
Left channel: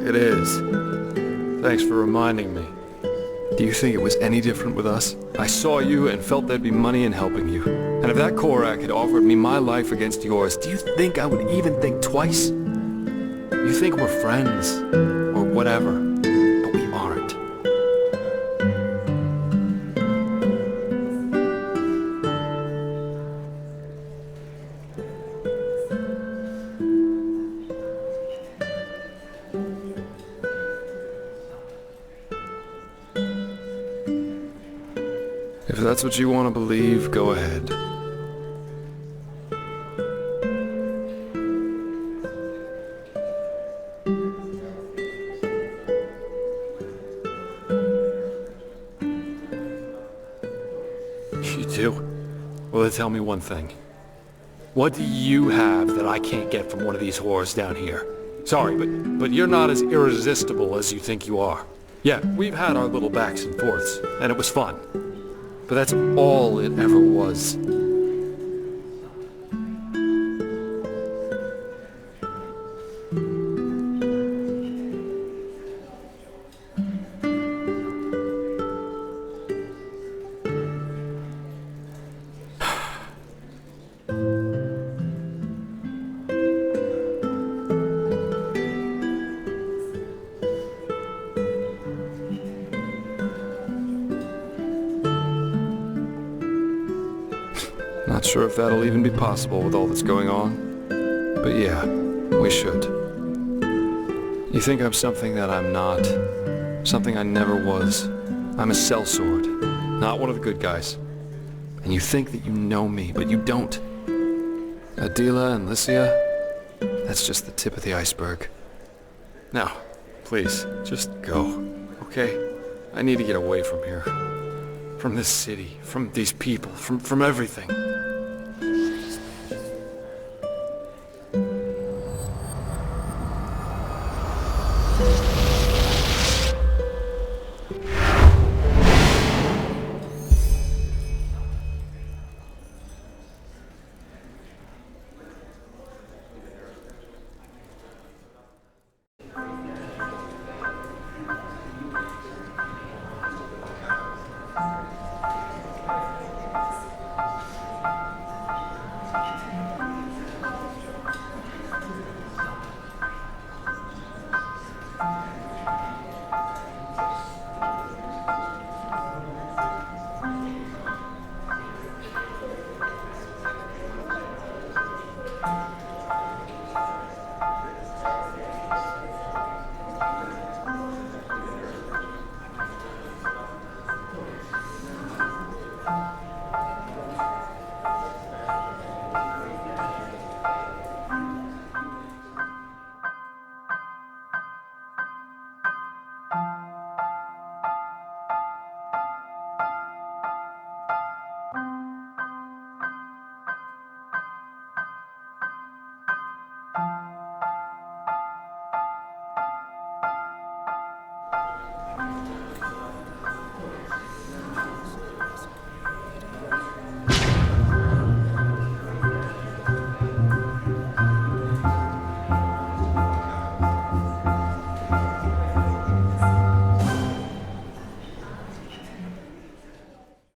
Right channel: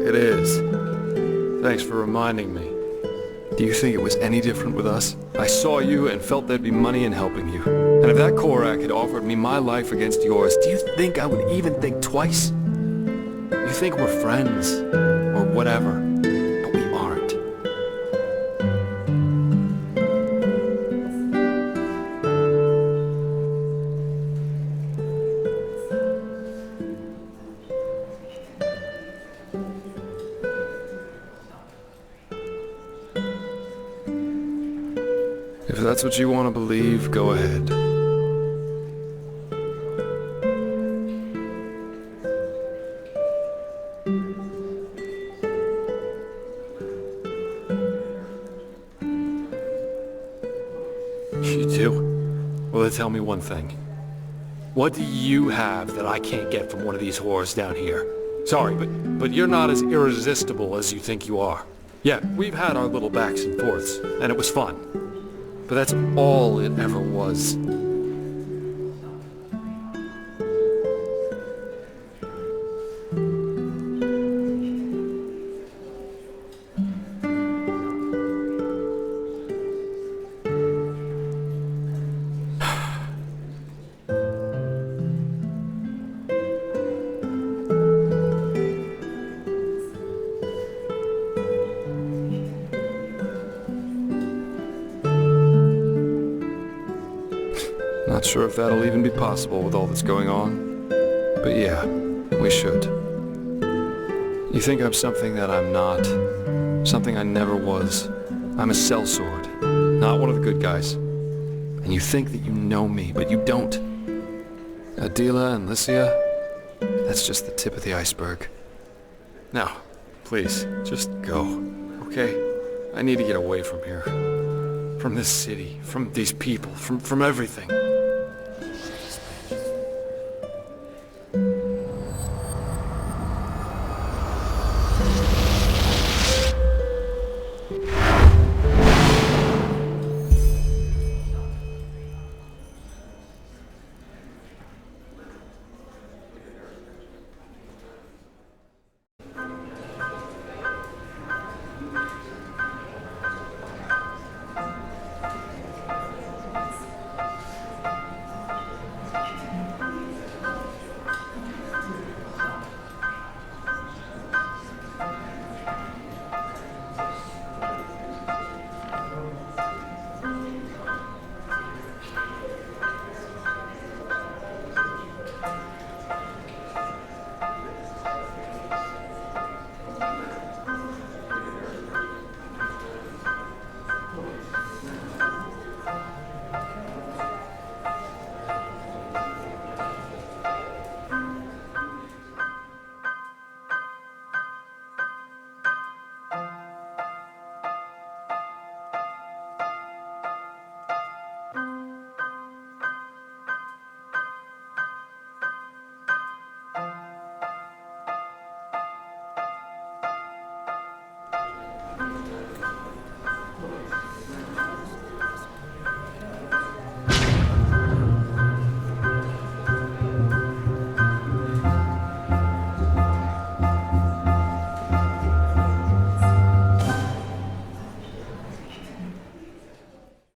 It is. Thanks for reminding me. Do you think it was any different with us? I saw you and felt there'd be money in helping you. And if that Korak had offered me my life against yours, do you think I would even think twice? You think we're friends, or whatever, but we aren't. If that's what you want to believe, go ahead. You do? Well, then tell me one thing. What do you have that I can't get from one of these whores down here? Sorry, but you're not as irresistible as you think you are. Yeah, we've had our little backs and forths, and it was fun. But that's all it ever was. Not sure if that'll even be possible with all that's going on. But yeah, we should. You think I'm something that I'm not. Something I never was. I'm a sellsword, not one of the good guys. And you think that you know me, but you don't. Adela and Lycia, that's just the tip of the iceberg. Now, please, just go, okay? I need to get away from here. From this city, from these people, from everything.